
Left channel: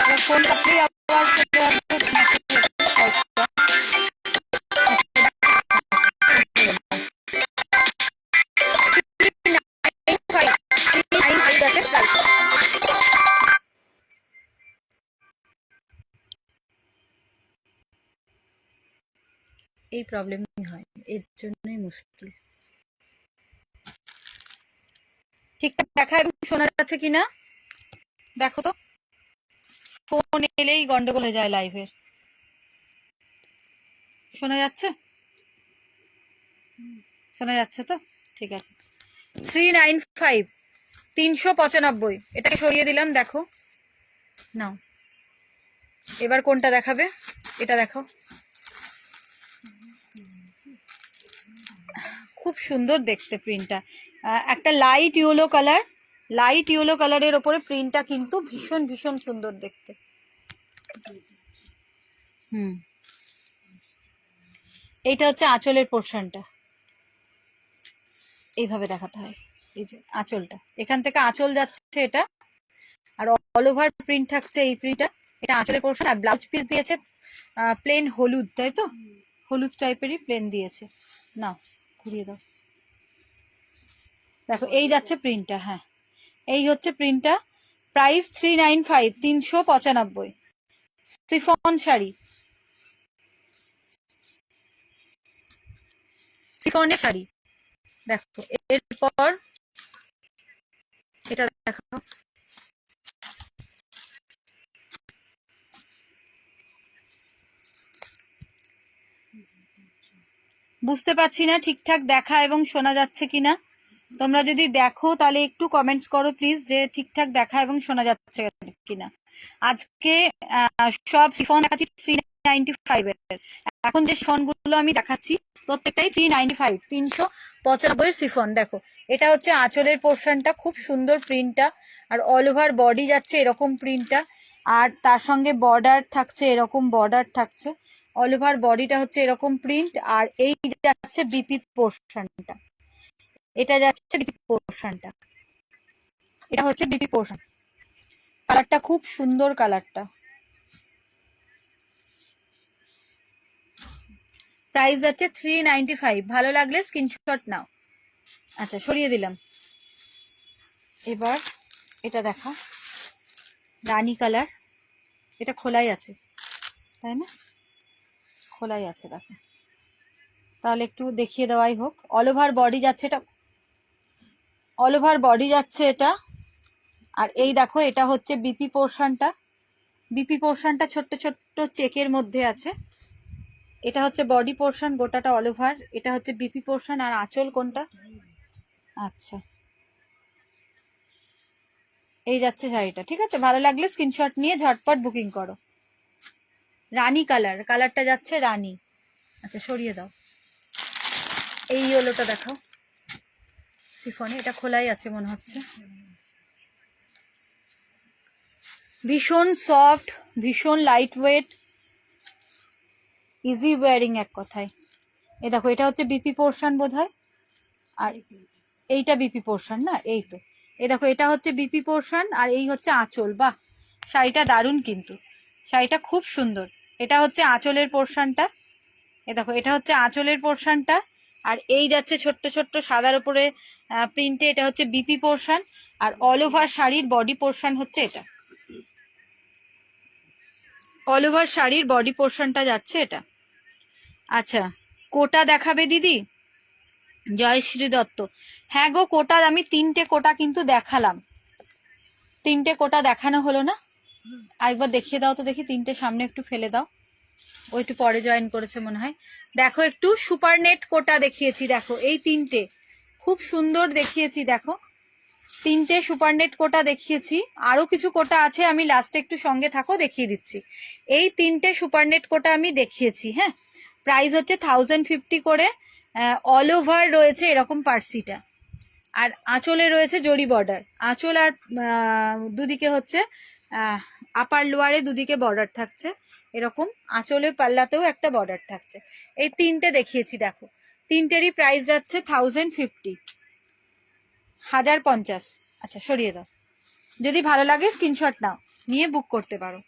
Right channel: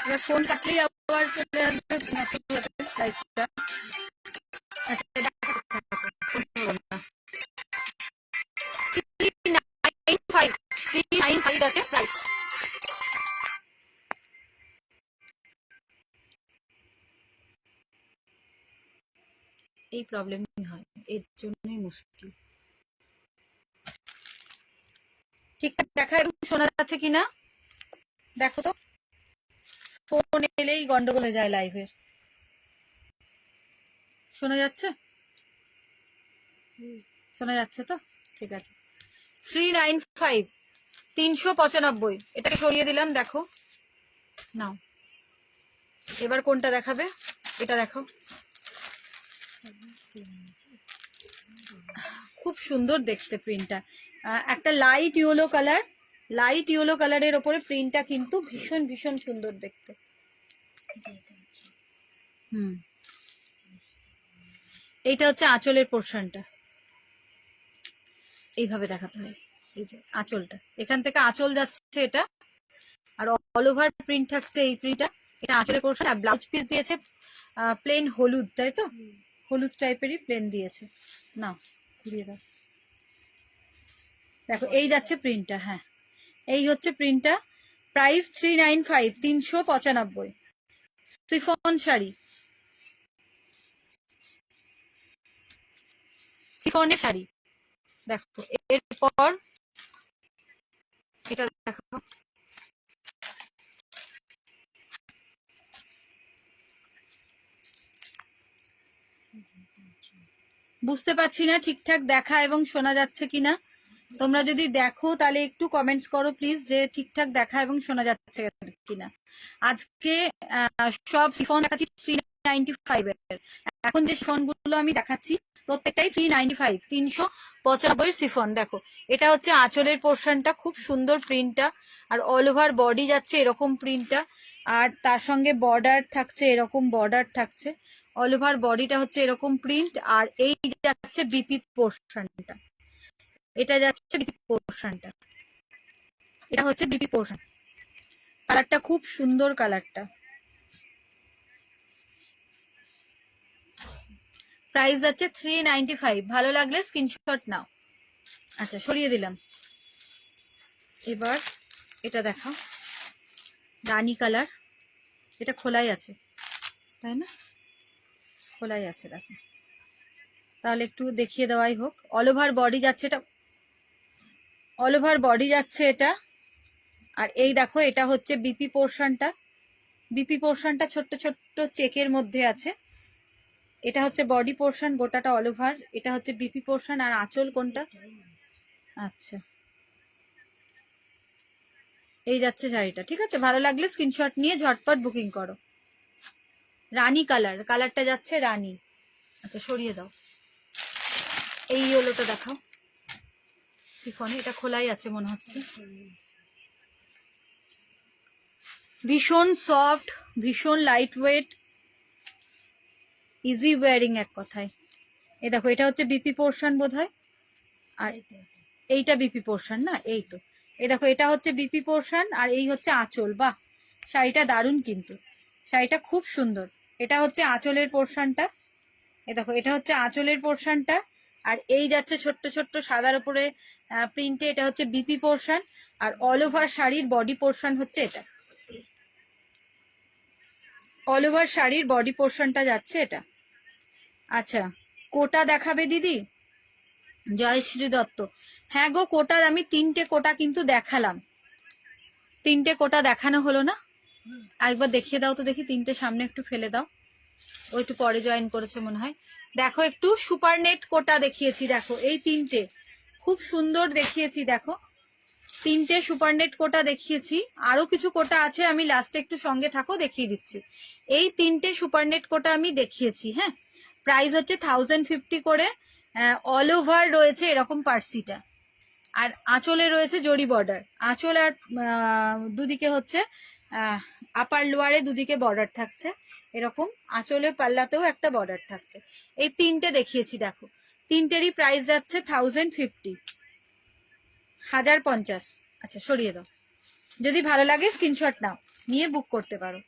এবার ফোন কাটলেই আবার চলে আসবে সাইডটা। এই প্রবলেমই হয়, এর জন্যই মুশকিল। ঠিকঠাক দেখা এবং শোনা যাচ্ছে কিনা দেখো তো, ফোন এলেই গন্ডগোল হয়ে যায় লাইভের। শোনা যাচ্ছে, শোনা যাচ্ছে তো, ঠিক আছে। 395, 395, এটাকে সরিয়ে দিলাম, দেখো নাও। এবার কোনটা দেখাবে, এটা দেখো, খুব সুন্দর দেখতে প্রিন্টটা। একটা light yellow colour, light yellow কালারের ওপরে প্রিন্টটা কিন্তু ভীষণ ভীষণ সুন্দর দেখতে। এইটা হচ্ছে আঁচলের পোর্শনটা, এইভাবে দেখাতে হয়। এই যে আঁচলটা, এখান থেকে আঁচল যাচ্ছে এটা, আর অল ওভার প্রিন্ট থাকছে এই প্রিন্টটা। এটা আঁচলের পোর্শন, আর ব্লাউজ পিস দিয়েছে প্লেন হলুদ, তাই তো? হলুদ টাইপেরই প্লেন দিয়েছে। না ঘুরিয়ে দাও, দেখো এই যাচ্ছে প্রিন্টটা। হ্যাঁ, এই হচ্ছে প্রিন্টটা। প্রাইস 395, 395। সিফন শাড়ি, সিফনের শাড়ি। দেখো এরপর এটা দেখো, বুঝতে পারছি না ঠিকঠাক দেখা এবং শোনা যাচ্ছে কিনা। তোমরা যদি দেখো তাহলে একটু কমেন্টস করো প্লিজ, যে ঠিকঠাক দেখা এবং শোনা যাচ্ছে কিনা। আজকে সব সিফন দেখাচ্ছি 395 এর। এখন যে সিফন গুলো আমি দেখাচ্ছি প্রত্যেকটাই 395, 395 সিফন। দেখো এটা হচ্ছে আঁচলের পোর্শনটা, খুব সুন্দর প্রিন্টটা, আর অল ওভার বডি যাচ্ছে এরকম প্রিন্টটা, আর তার সঙ্গে বর্ডার থাকছে, এরকম বর্ডার থাকছে। অল ওভার বডিটা হচ্ছে এরকম প্রিন্ট, আর এই যাচ্ছে বিপি পোর্শনটা, এটা যাচ্ছে বিপি পোর্শনটা, এটা হচ্ছে বিপি পোর্শন। কালারটা খুব সুন্দর, কালারটা। প্রাইস যাচ্ছে 395। ভালো লাগলে স্ক্রিনশট নাও। আচ্ছা সরিয়ে দিলাম। এবার এটা দেখা, রানী কালার, এটা খোলাই আছে তাই না? খোলাই আছে, দেখো তাহলে একটু দেখিয়ে দেওয়াই হোক। অল ওভার বডি যাচ্ছে এটা, অল ওভার বডি যাচ্ছে এটা। আর এই দেখো এটা হচ্ছে বিপি পোর্শনটা, বিপি পোর্শনটা ছোট্ট ছোট্ট চেকের মধ্যে আছে। এটা হচ্ছে বডি পোর্শন, গোটাটা অল ওভার। এটা হচ্ছে বিপি পোর্শন, আর আঁচল কোনটা? আচ্ছা এই যাচ্ছে শাড়িটা, ঠিক আছে? ভালো লাগলে স্ক্রিনশট নিয়ে ঝটপট বুকিং করো। রানী কালার, কালারটা যাচ্ছে রানী। আচ্ছা সরিয়ে দাও। এই ইয়েলোটা দেখাও, সিফনে, এটা খোলাই আছে মনে হচ্ছে। ভীষণ সফট, ভীষণ লাইট ওয়েট, ইজি ওয়ারিং এক কথায়। এ দেখো এটা হচ্ছে বিপি পোর্শন বোধ হয়, আর এইটা বিপি পোর্শন না? এই তো, এই দেখো এটা হচ্ছে বিপি পোর্শন, আর এই হচ্ছে আঁচল। বাহ, শাড়িটা দারুণ কিন্তু, শাড়িটা খুব সুন্দর। এটা হচ্ছে আঁচলের পোর্শনটা, এ দেখো এটা হচ্ছে আঁচলের পোর্শনটা, আর এই যাচ্ছে ছোট্ট ছোট্ট সাদার উপরে প্রিন্টে, এটা হচ্ছে বিপি পোর্শন। আর অল ওভার শাড়ির বডি পোর্শন হচ্ছে এটা, অল ওভার শাড়ির বডি পোর্শনটা যাচ্ছে এটা। আচ্ছা কোটা দেখাবে দিদি? জয়শ্রী দত্ত, হ্যাঁ গো কোটা আমি 3টে কোটা কিন্তু দেখালাম, 3টে কোটা দেখানো হলো না? একবার দেখিয়ে দাও তো দেখি, 3টে সামনে একটু ফেলে দাও। ও একটু পরে জয়েন করেছে মনে হয়। দেখো একটু সুপার নেট কোটা দেখিয়েছি, দেখো এই 3টে খুব সুন্দর দেখিয়েছি। দেখো 3টে সুপার নেট কোটা দেখিয়েছি, আরো কিছু কোটা আছে, আমি লাস্টে একটু সঙ্গে থাকো দেখিয়ে দিচ্ছি। এই 3টে সুপার নেট কোটা আমি দেখিয়েছি। হ্যাঁ, প্রাইস হচ্ছে 1050 করে। অল ওভার রয়েছে এরকম পার্সিটা, আর আঁচলে রয়েছে জরি বর্ডার। আঁচল আর দুদিকে হচ্ছে আপার লোয়ারে দুদিকে বর্ডার থাকছে এরকম, আঁচলে পাল্লাতেও একটা বর্ডার থাকছে। এই 3টে দেখিয়েছি, দেখো 3টেরই প্রাইস যাচ্ছে 1050, 1050। আচ্ছা সরিয়ে দাও, যদি ভালো লাগে স্ক্রিনশট নাও, নিয়ে বুক করতে পারো।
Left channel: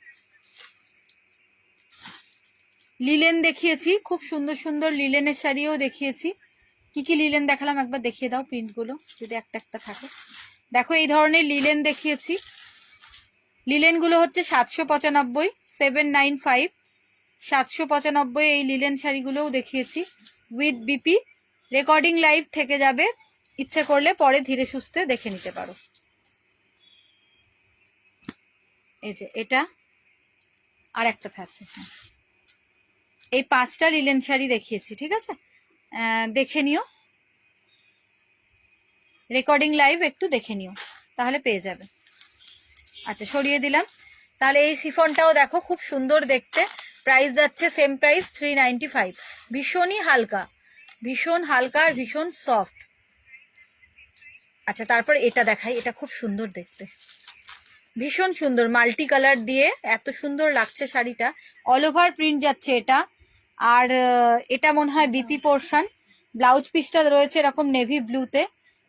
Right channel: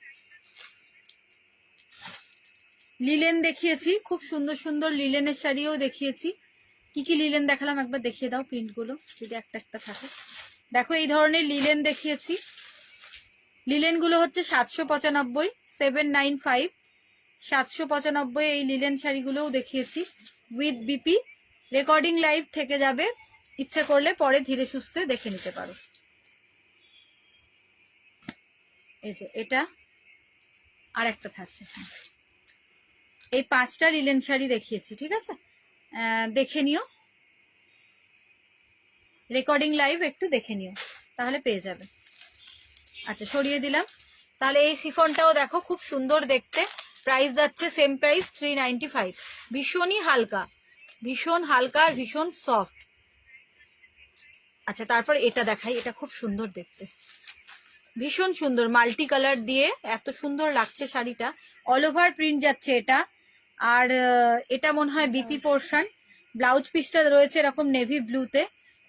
লিলেন দেখিয়েছি, খুব সুন্দর সুন্দর লিলেনের শাড়িও দেখিয়েছি। কি কি লিলেন দেখালাম একবার দেখিয়ে দাও প্রিন্টগুলো, যদি একটা একটা থাকে। দেখো এই ধরনের লিলেন দেখিয়েছি, লিলেন গুলো হচ্ছে 795, 795, 795 এই লিলেন শাড়িগুলোও দেখিয়েছি উইথ বিপি। রেকর্ডিং লাইভ থেকে যাবে, ইচ্ছে করলে পরে ধীরে সুস্থে দেখে নিতে পারো। এই যে এটা আর একটা থাকছে। এই 5টা লিলেন শাড়ি দেখিয়েছি, ঠিক আছে? দেখে নিও, রেকর্ডিং লাইভ একটু দেখে নিও, তাহলে পেয়ে যাবে। আচ্ছা সরিয়ে দিলাম। তাহলে এই সিফনটাও দেখো খুব সুন্দর দেখতে, প্রাইস যাচ্ছে সেম প্রাইস 395। ভীষণই হালকা, ভীষণ হালকা আর ভীষণ সফট। আচ্ছা তারপর এটা দেখাই, এটা খুব সুন্দর দেখতে, ভীষণ সুন্দর মাল্টি কালার দিয়ে এত সুন্দর লাগছে শাড়িটা। অল ওভার প্রিন্ট যাচ্ছে এটা, আর এটা মনে হয় বিপি পোর্শন। ব্লাউজ পিসটা রয়েছে এরকম নেভি ব্লুতে,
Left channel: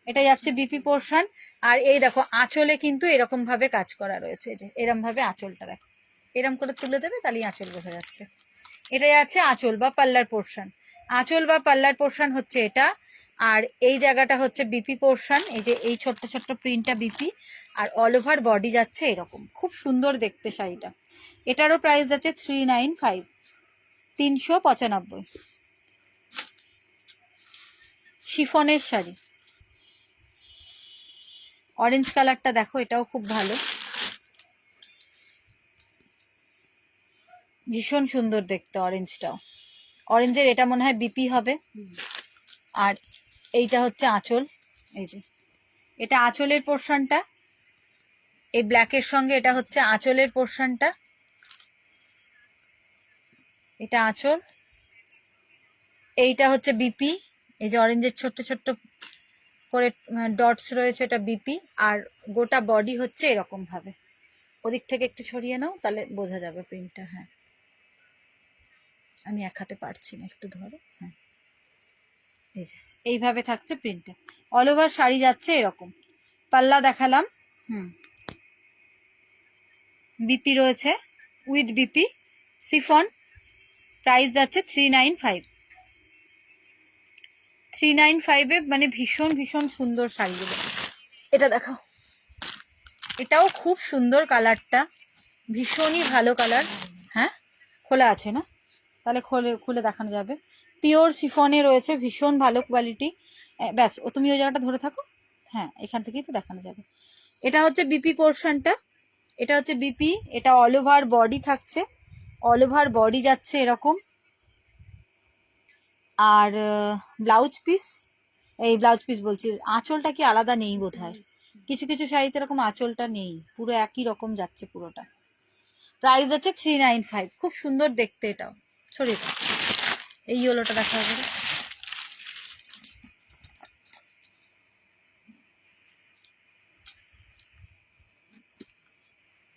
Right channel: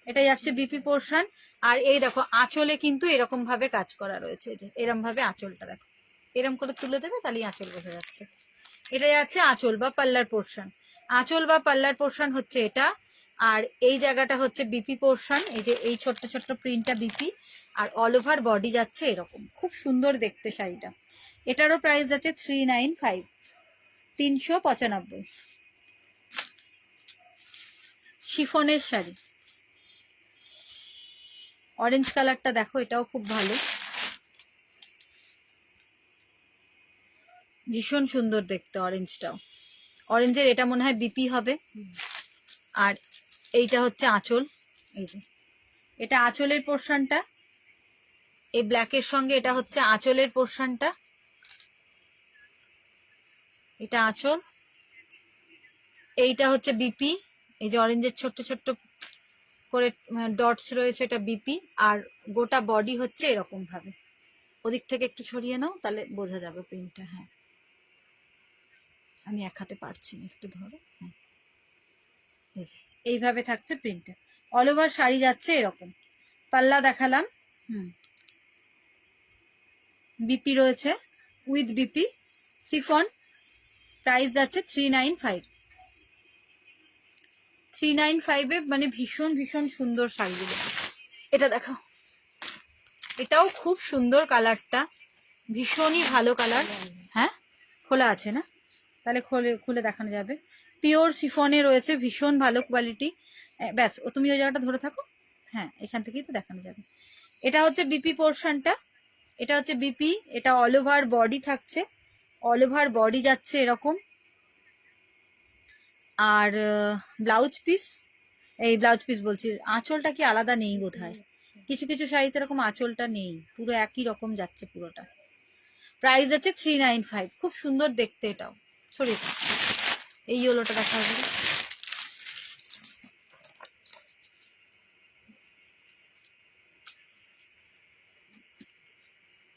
এটা যাচ্ছে বিপি পোর্শন। আর এই দেখো আঁচলে কিন্তু এরকম ভাবে কাজ করা রয়েছে, যে এরম ভাবে আঁচলটা দেখো, এরম করে তুলে দেবে তাহলেই আঁচল বোঝা যাচ্ছে। এটা যাচ্ছে আঁচল বা পাল্লার পোর্শন। আঁচল বা পাল্লার পোর্শন হচ্ছে এটা। আর এই জায়গাটা হচ্ছে বিপি পোর্শন, এই যে এই ছোট্ট ছোট্ট প্রিন্টটা বিপি। আর অল ওভার বডি যাচ্ছে এরকম, খুব সুন্দর দেখতে শাড়িটা। এটারও প্রাইস যাচ্ছে 395, 395। শিফনের শাড়ি, অরেঞ্জ কালারটা দেখো, এটাও খুব ভালো, ভীষণ সুন্দর দেখতে অরেঞ্জটাও। অরেঞ্জের এটা মনে হয় বিপি হবে। আর এইটা হচ্ছে আঁচল, এই যে এটা আঁচলের পোর্শনটা, এই ব্ল্যাকের সঙ্গে এটা হচ্ছে আঁচলের পোর্শনটা, এটা আঁচল। এইটা হচ্ছে বিপি, এই যে অরেঞ্জের ছোট্ট ছোট্ট করে ডটস রয়েছে, এটা বিপি। আর গোটা বডি হচ্ছে এরকম ভাবে। ওদিক থেকে একটু ছড়িয়ে নাও তাহলে বোঝা যাবে প্রিন্টটা। হ্যাঁ, আমি এক হাতে পারছি না, একটু ধরো। হ্যাঁ, এই যে এইভাবে থাকছে প্রিন্টটা। অল ওভার শাড়ি যাচ্ছে এরকম। পাল্লা দেখালাম। বিপি রয়েছে, উইথ বিপি, সিফন। প্রাইস যাচ্ছে 395। 395-এ মানে ভীষণ ভীষণ সুন্দর শাড়িগুলো। এটা দেখো, এটাও খুব সুন্দর কালারটা, ভীষণই ভালো কালার। হ্যাঁ, খোলা আছে না, তাহলে খুলে দেখানো যাবে। পিওর সিফনে রয়েছে, ভীষণ ভালো কোয়ালিটি। ব্যাস, তুমি ওই জায়গাটা ধরে থাকো। হ্যাঁ, এখান থেকেই তো দেখানো যাবে। এটা হচ্ছে বিপি পোর্শনটা, এটা হচ্ছে বিপি। এটা অল ওভার বডি থাকছে, অল ওভার বডি যাচ্ছে এরকম। আর ব্লাউজ পিস, এই ব্লাউজ পিস বলছি, আঁচলটা কি আলাদা নেই বোধহয়, কিছু কিছু শাড়িতে এরকম আঁচলটা নেই, পুরো একই রকম যাচ্ছে পুরোটা। প্রাইস আছে 395। খুব সুন্দর দেখতে এটাও। ছড়িয়ে দাও, এই ইয়েলোটা দেখা যাবে।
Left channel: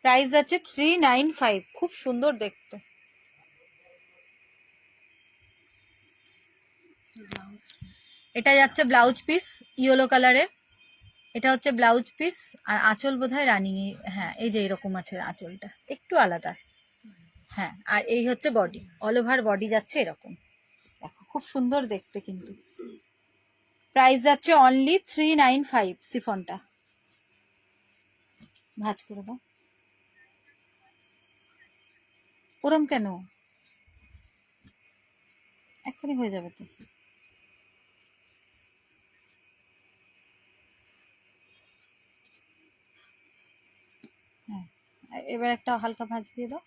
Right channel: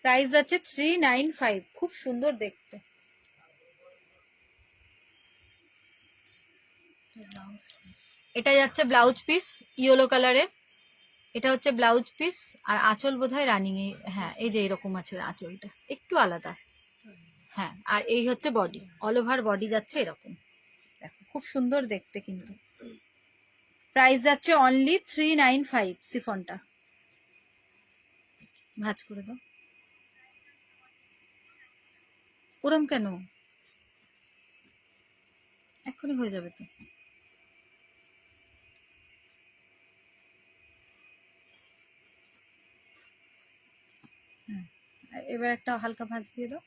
প্রাইস আছে 395, খুব সুন্দর দেখতে। এটা যাচ্ছে ব্লাউজ পিস ইয়েলো কালারের, এটা হচ্ছে ব্লাউজ পিস। আর আঁচল বোধহয় রানিং, হ্যাঁ এই যে এরকম আছে আঁচলটা, একটু আলাদা। হ্যাঁ, আর এই হচ্ছে বডি, অল ওভার বডি যাচ্ছে এরকম। দেখো খুব সুন্দর দেখতে কিন্তু। প্রাইস যাচ্ছে অনলি 395 সিফনটা। ভাঁজ করে দাও, ওরম কেন, এক্ষুনি হয়ে যাবে তো। হ্যাঁ, এবার একটা হালকা ভাঁজ দিয়ে দাও,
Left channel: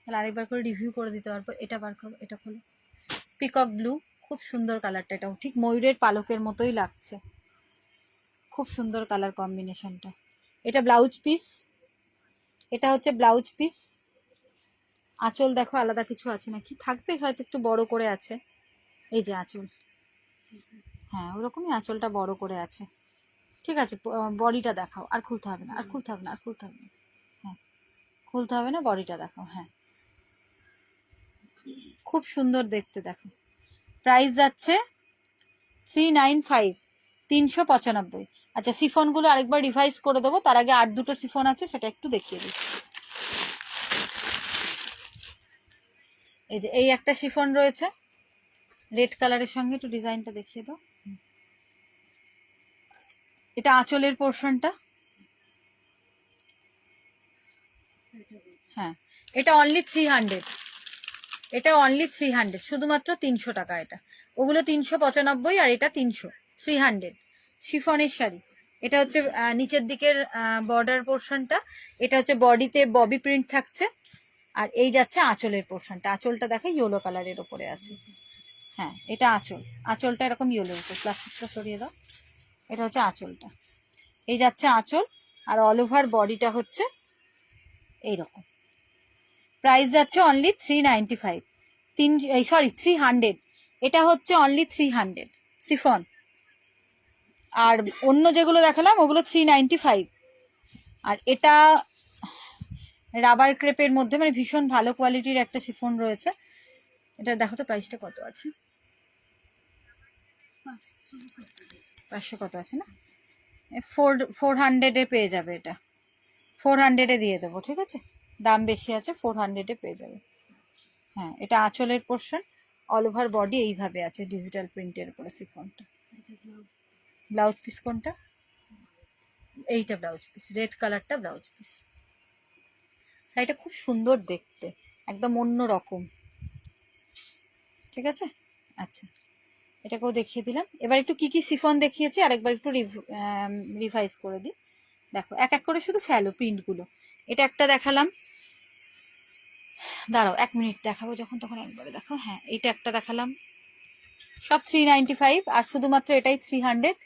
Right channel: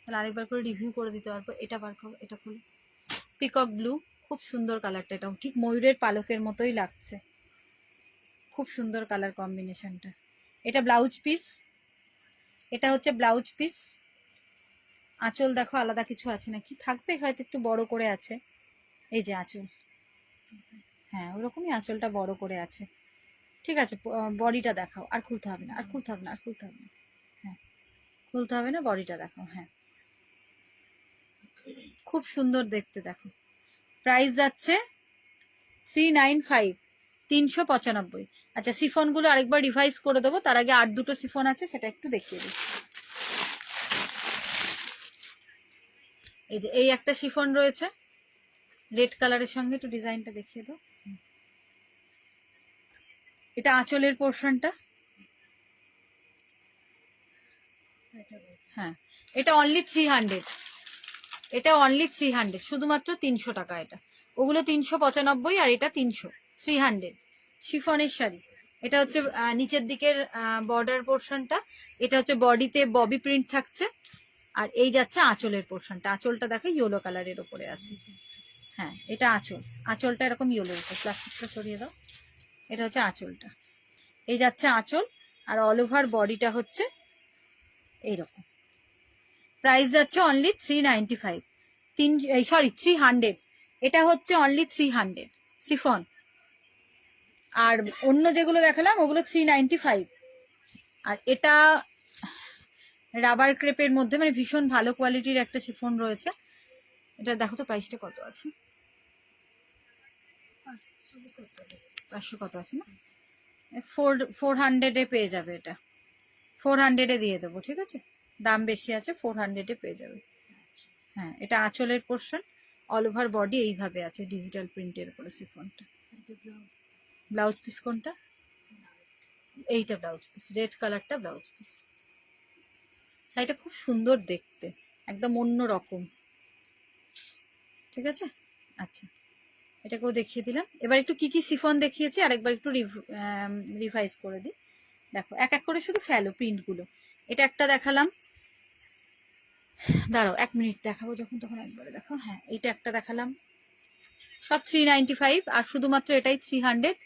তাহলে আরেকবার করে রিভিউ করে দিতে পারবো। এটা বার করো, এটা খোলো। পিকক ব্লু, খুব সুন্দর কালারটা, এটাও ঠিক ময়ূরের পালকের মতোই লাগছে, খুব সুন্দর কালার কম্বিনেশনটা। এটা ব্লাউজ পিস, এটা হচ্ছে ব্লাউজ পিস। আঁচল দেখো আলাদা কিছু আছে নাকি, থাকবে হয়তো একটু বড় করে আছে, এই যে আঁচল। হ্যাঁ, ওরকমই আঁচলটা বড় করে আছে। ঠিক আছে, বডিটা দেখাও, আর খুলতে হবে না, আর খুলতে হবে না, আর খুলতে হবে না। হ্যাঁ, খুলতে হবে না, বডিটা দেখাও। হ্যাঁ, খুব সুন্দর দেখতে দেখো। প্রাইস যাচ্ছে 395, 395। আচ্ছা, সিফনগুলো আরেকবার রিভাইজ করে দেবো, তার আগে আর দুটো সিফন আছে, সেটা একটু দেখিয়ে দিই। এই যে এই একটা শিফন রয়েছে রেড কালারের সঙ্গে, একটু ডিজাইনটা দেখিয়ে দাও। এটা আঁচলের পোর্শনটা। হ্যাঁ, এটা অনলি 300, এটা অনলি 300, শুধুমাত্র 300 টাকা এটা। ওগুলো 395 আর এটা 300, 300 শিফনের শাড়ি। এটা হচ্ছে নিচের দিকের বর্ডার পোর্শনটা, এটা হচ্ছে বডিতে ববি প্রিন্ট থাকছে। আর এই যাচ্ছে আঁচলের পোর্শনটা, আঁচলটা দেখো ইয়েলো কালারের ওপরে আছে। হ্যাঁ, এটা আঁচল, আঁচলটা এরকম ইয়েলোর উপর, প্লাস্টিকটা সরিয়ে দাও। এটা হচ্ছে আঁচলটা, এই যাচ্ছে আঁচল। আর অল ওভার বডিটা হচ্ছে এইরকম। প্রাইস যাচ্ছে অনলি 395, 300। এটা হচ্ছে অনলি 300 সিফন। আর অন্য যেগুলো দেখালাম ওগুলো 395। আর এটা রাবার ক্রেপের মধ্যে, মানে ভীষণ ভালো কোয়ালিটির একটা সিফন রয়েছে। এটা দেখো তো প্রাইসটা কত আছে, 500 কত আছে না। 400-এ পেয়ে যাবে, এটা 400-এ দিয়ে দেবো, ঠিক আছে? দাম বেশি আছে, 400-এ পেয়ে যাবে। হ্যাঁ, এটা আঁচলের পোর্শন, অল ওভার বডি এইভাবে আছে ডিজিটাল প্রিন্টের উপরে শিফনটা। ব্লাউজ পিস কোনটা? এইটা ব্লাউজ পিস, রেড কালারটা ব্লাউজ পিস। শাড়িটা খুব সুন্দর দেখতে, একদম অন্য রকম, ঠিক আছে? আচ্ছা, এটাকেও দেখিয়ে দিলাম। এবার একটু কি কি শিফন দেখিয়েছি আরেকবার একটু রিভাইজ করে দিই। দেখো এক এক করে শুধু ফেলো প্রিন্টগুলো। এটা একটা দেখালাম, দাঁড়াও 1 মিনিট, দেখাবো যখন তখন একবারে দেখো। হ্যাঁ, এইটা একটা দেখালাম, সব 395, আর শুধুমাত্র এটাই 300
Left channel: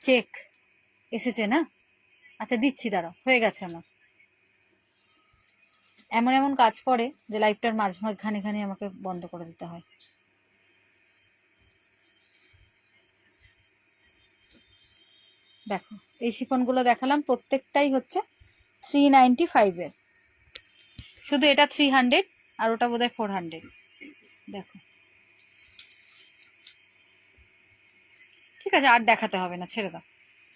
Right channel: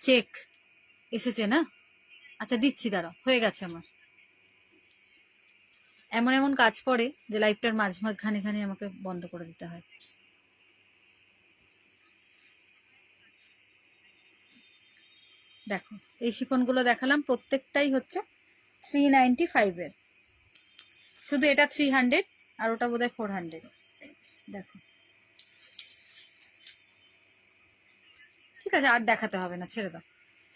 চেক এসেছে না? আচ্ছা দিচ্ছি, দাঁড়াও, হয়ে গেছে আমার। এমন এমন কাজ পড়ে যে লাইভটার মাঝখানে আমাকে বন্ধ করে দিতে হয়। দেখো এই শিফনগুলো দেখালাম, প্রত্যেকটাই হচ্ছে 395-এর, শুধু এটা 300 আর ওটা বোধহয় 400। দেখো ঠিক আছে, আর দেখাতে হবে না, ছেড়ে দাও,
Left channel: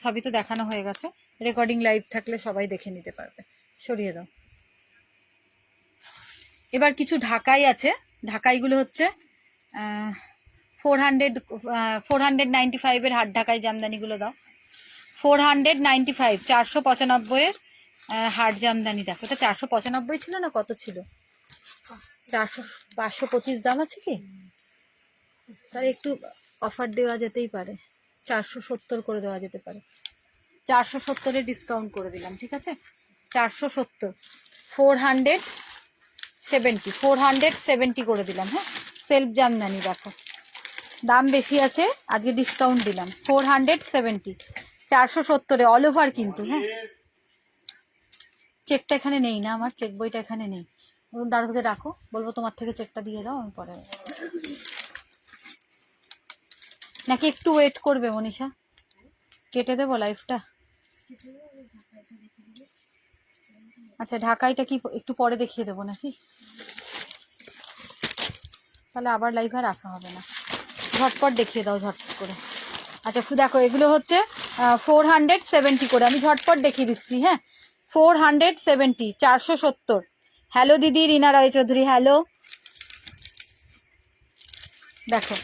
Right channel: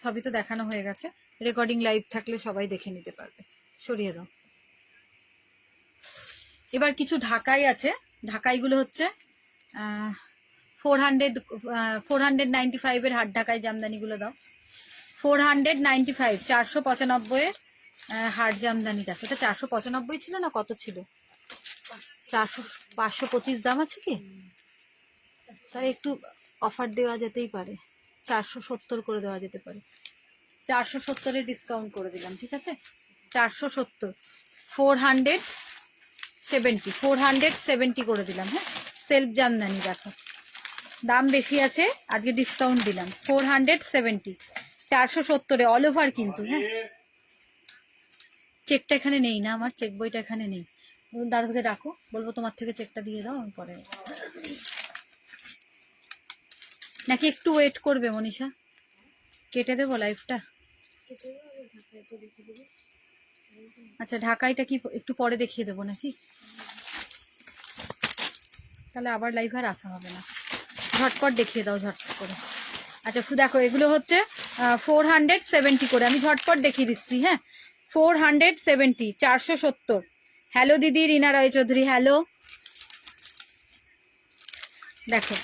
সবই তো দেখানো হয়ে গেছে। রেকর্ডিং লাইভ থাকলে সবাই দেখে নিতে পারবে। সরিয়ে দাও। এবার কিছু ঢাকাই আছে, ঢাকাইগুলো হচ্ছে 495-এর হাত ঢাকাই জামদানিগুলো দাও। 495, 495-এর হাট জামদানি। দেখো এটা 495 ছিল না, কত ছিল? 525 দাম আছে কি? তাহলে একটু অফার দেওয়া যেতেই পারে, 470 করে দেওয়া যেতে পারে। 470-এ ডিসকাউন্ট করে দিলাম, ঠিক আছে? 470, 470 করে দিলাম। হ্যাঁ, সেলফ জামদানি, দেখো দাম বেশি আছে, আজকে ডিসকাউন্ট দিলাম। 470, 470-এ অল ওভার কিন্তু। হ্যাঁ, চেকটা এখানে নেই না, আমার চেক বইটা এখানে নেই। দাদাকে ডাকো, বলবো তোমার থেকে চেকটা দিয়ে দাও, আমি পরে। নাকি একটু ওয়েট করবে মনীষা? কেটে দেবো লাইভটা? আচ্ছা, ঢাকাইটা কি একটু পরে দেখিয়ে দেবো নাকি? তাহলে আবার লাইভ আর আসা হবে না, ঝটপট দেখিয়ে দাও, ঝটপট করে। আচ্ছা দেখো, এগুলো হচ্ছে 470 করে, আমি ঝটপট দেখিয়ে দিচ্ছি। হ্যাঁ, 470, 470। হ্যালো দিদি রিনা রায়চৌধুরী, হ্যালো। দেখো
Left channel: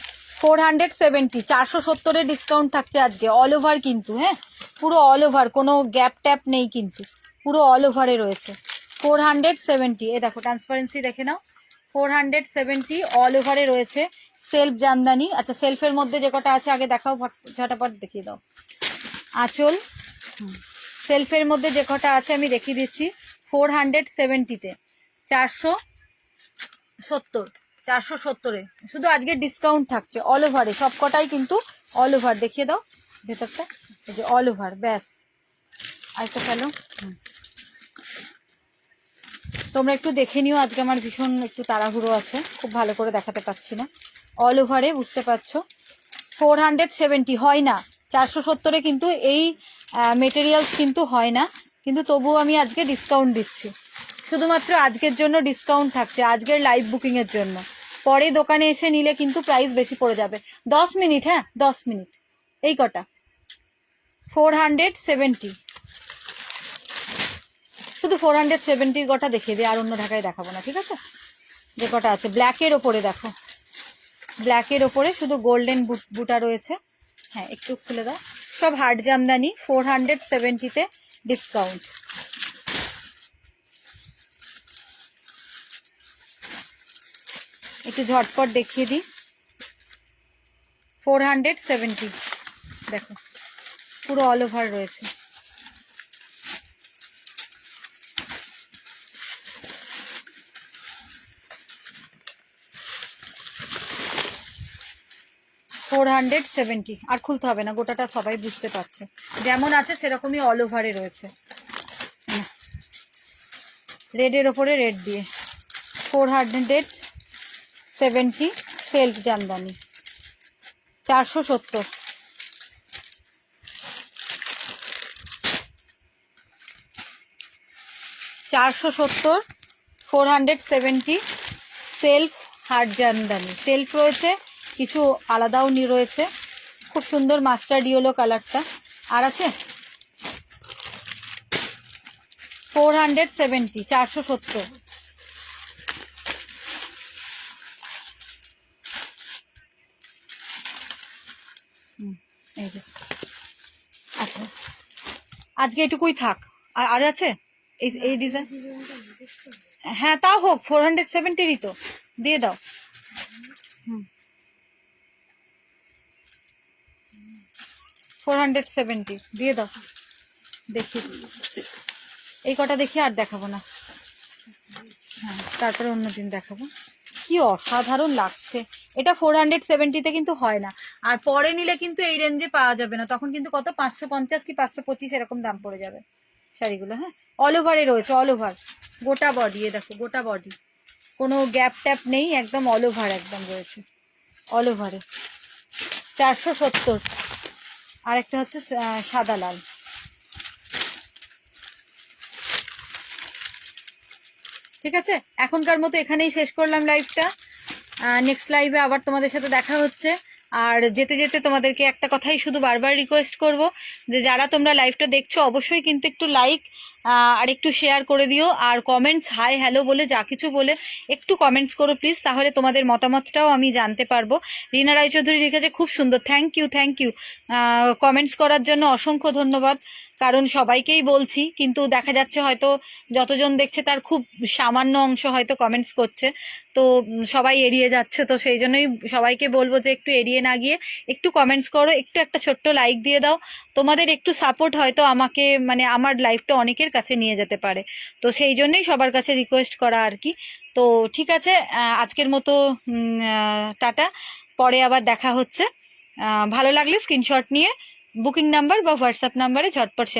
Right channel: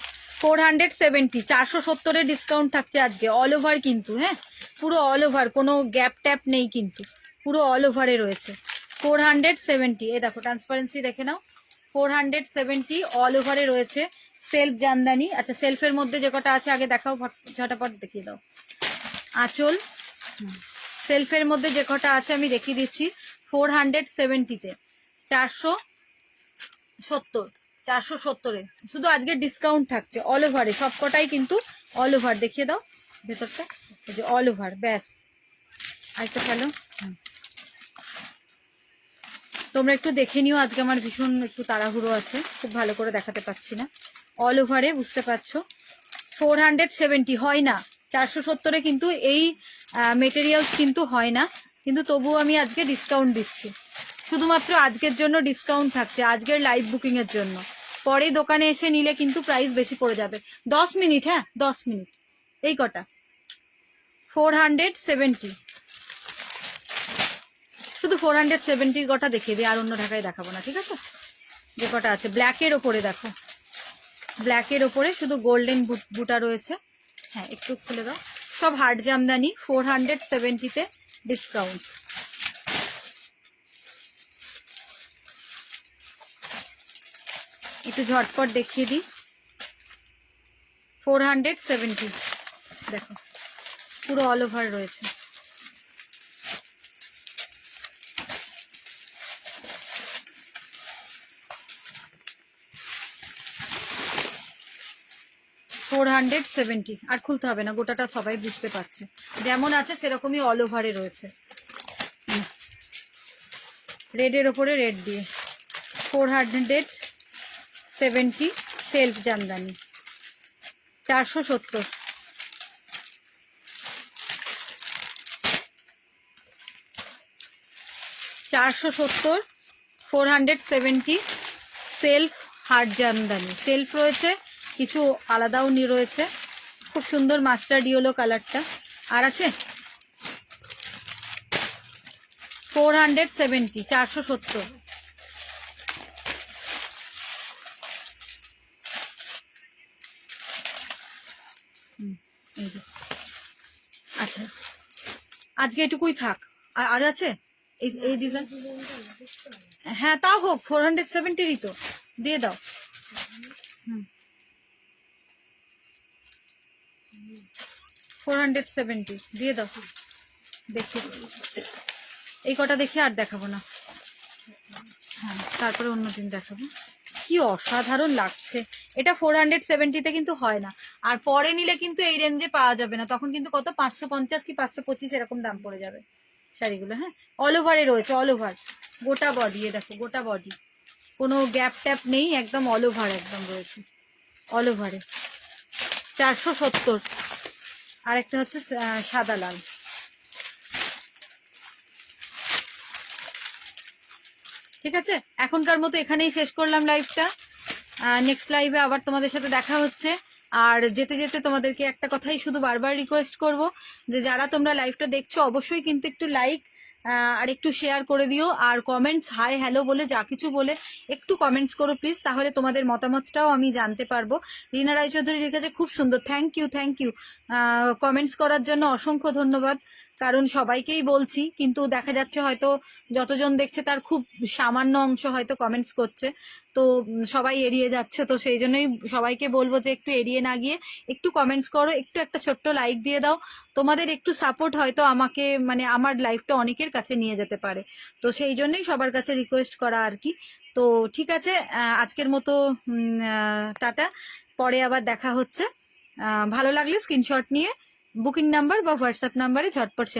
470, 470-এর ডিসকাউন্ট থাকছে আজকে, অল ওভার কিন্তু। হ্যাঁ, পুরো অল ওভার, কোনো গ্যাপ ট্যাপ নেই কিন্তু, পুরো অল ওভারে রয়েছে। 470, এ দেখো ট্রান্সপারেন্সি দেখে নাও, 470 অল ওভারে রয়েছে। সেলফ জামদানি। আচ্ছা, সেলফের মধ্যে যে কটা আছে আগে দেখাও, ঝটাপট দেখিয়ে দাও। আঁচল, সেলফের মধ্যে যে কটা আছে আমি দেখিয়ে দিচ্ছি। 470-তে 470, 470-এ শুধু আজকে ডিসকাউন্ট থাকছে, অল ওভারে সব কটাই কিন্তু অল ওভার। দেখিয়ে দাও ভেতরটা, এই যে অল ওভার, ব্যাস। আরেকটা ফেলো। তোমরা একটু দেখে নিও, আজকে আমার ভীষণ একটু তাড়াহুড়ো আছে, খুব ভালো করে দেখাতে পারছি না। অল ওভারে, বুঝতে পারছো? 470 হয় না, 470-এ কিন্তু এই মেটেরিয়ালস কিন্তু হয় না, কিন্তু তবুও আমি আজকে ডিসকাউন্ট দিচ্ছি। শুধুমাত্র আজকের জন্য ডিসকাউন্ট থাকছে, আজকের লাইভ বুকিং এর জন্য। পরে দোকানে এসে নিলে কিন্তু প্রাইস বেশি পড়ে যাবে। 10 মিনিট, হ্যাঁ 10 মিনিট, এই কটা। 470, শুধু 470-র কটা দেখিয়ে দিই, আর অন্য ঢাকায় দেখাবো না, ঠিক আছে? যে কটা আছে ব্ল্যাকের ওপরে, দেখো ব্ল্যাকের ওপরে শুধু গোল্ডেন বুটা রয়েছে। হ্যাঁ, একটু খুলে দাও, সব হার্ড জামদানি, 470-তে ডিসকাউন্ট। একটু ঝটপট দেখিয়ে দিই। 470, দেখো পুরো অল ওভার রয়েছে। $470, আর খুলতে হবে না, গোটাটা সবাই বুঝতে পারছে, যেমন আছে সেরকমই অল ওভারে রয়েছে। রেডের ওপরে রেড দিয়ে 470 self Jamdani, 470। $470, 470 self hard Jamdani. Self রয়েছে, কিছু আলাদাও রয়েছে। খুব সুন্দর মাস্টার্ড ইয়েলো কালারটা। আর আছে 470, 470। এই যে আচ্ছা, আজকে এটুকুই থাক। আর আছে এই ডিজাইন? হ্যাঁ তাও হোক, 470-ই তো, দিয়ে দাও। 470 দিয়ে দাও। দেখি এই কটা দেখি, আর দেখাবো না। হ্যাঁ তারপরে অন্যদিন দেখাবো। কি অসাধারণ লাগছে এটা। 470-তে কিন্তু হয় না, আর পরে নিলে কিন্তু এই রেঞ্জে পাওয়া যাবে না, তখন কিন্তু কত 550 কি 525 এরকম দাম পড়ে যাবে শাড়িগুলো। হ্যাঁ অল ওভারে রয়েছে, অল ওভার গোটা বডি। এ দেখো গোটা বডি, কোনো গ্যাপ ট্যাপ নেই, একদম অল ওভার একদম রয়েছে, অল ওভারে। 470। আর একটা হচ্ছে সাদা লাল। ঠিক আছে, এখনকার মতো এখানেই শেষ করলাম লাইভটা। নেক্সট লাইভে আবার তোমাদের সাথে দেখা হচ্ছে। আর যেতে যেতে তোমাদেরকে একটা কথাই শুধু বারবার রিকোয়েস্ট করব, যে যারা তোমরা লাইভটা দেখছো অবশ্যই কিন্তু একটু লাইক আর একটু শেয়ার করে দিও, আর কমেন্টস হাই হ্যালো বলে যা কিছু বলে একটু কমেন্টস করো প্লিজ, তাহলে তোমাদের মতামতটাও আমি জানতে পারবো। রিনা রায়চৌধুরী লিখেছে খুব সুন্দর, thank you thank you. Comments করার জন্য অসংখ্য ধন্যবাদ, কারণ সবাইকেই বলছি, কিন্তু দেখা যাচ্ছে হয়তো যতজন দেখছে তার খুব সামান্য অংশ হয়তো কমেন্টস করছে, তো সবাই এড়িয়ে যাচ্ছে। তো সেই জন্যই সবাইকে বলবো যে একটু এড়িয়ে না গিয়ে একটু কমেন্টস করো, একটু একটা ছোট্ট লাইক দিয়ে দাও। তোমাদের একটু সাপোর্ট হয়তো আমাকে, মানে আমার লাইফটা অনেকের কাছে নিয়ে যেতে পারে, তো সেই জন্যই সবার কাছে রিকোয়েস্ট করা আর কি। তো ঠিক আছে, আজকের মতো টাটা, পরে আবার দেখা হচ্ছে। ভালো লাগলে স্ক্রিনশট নিয়ে বুকিং নাম্বার বা হোয়াটসঅ্যাপ নাম্বারে ঝটপট সেন্ড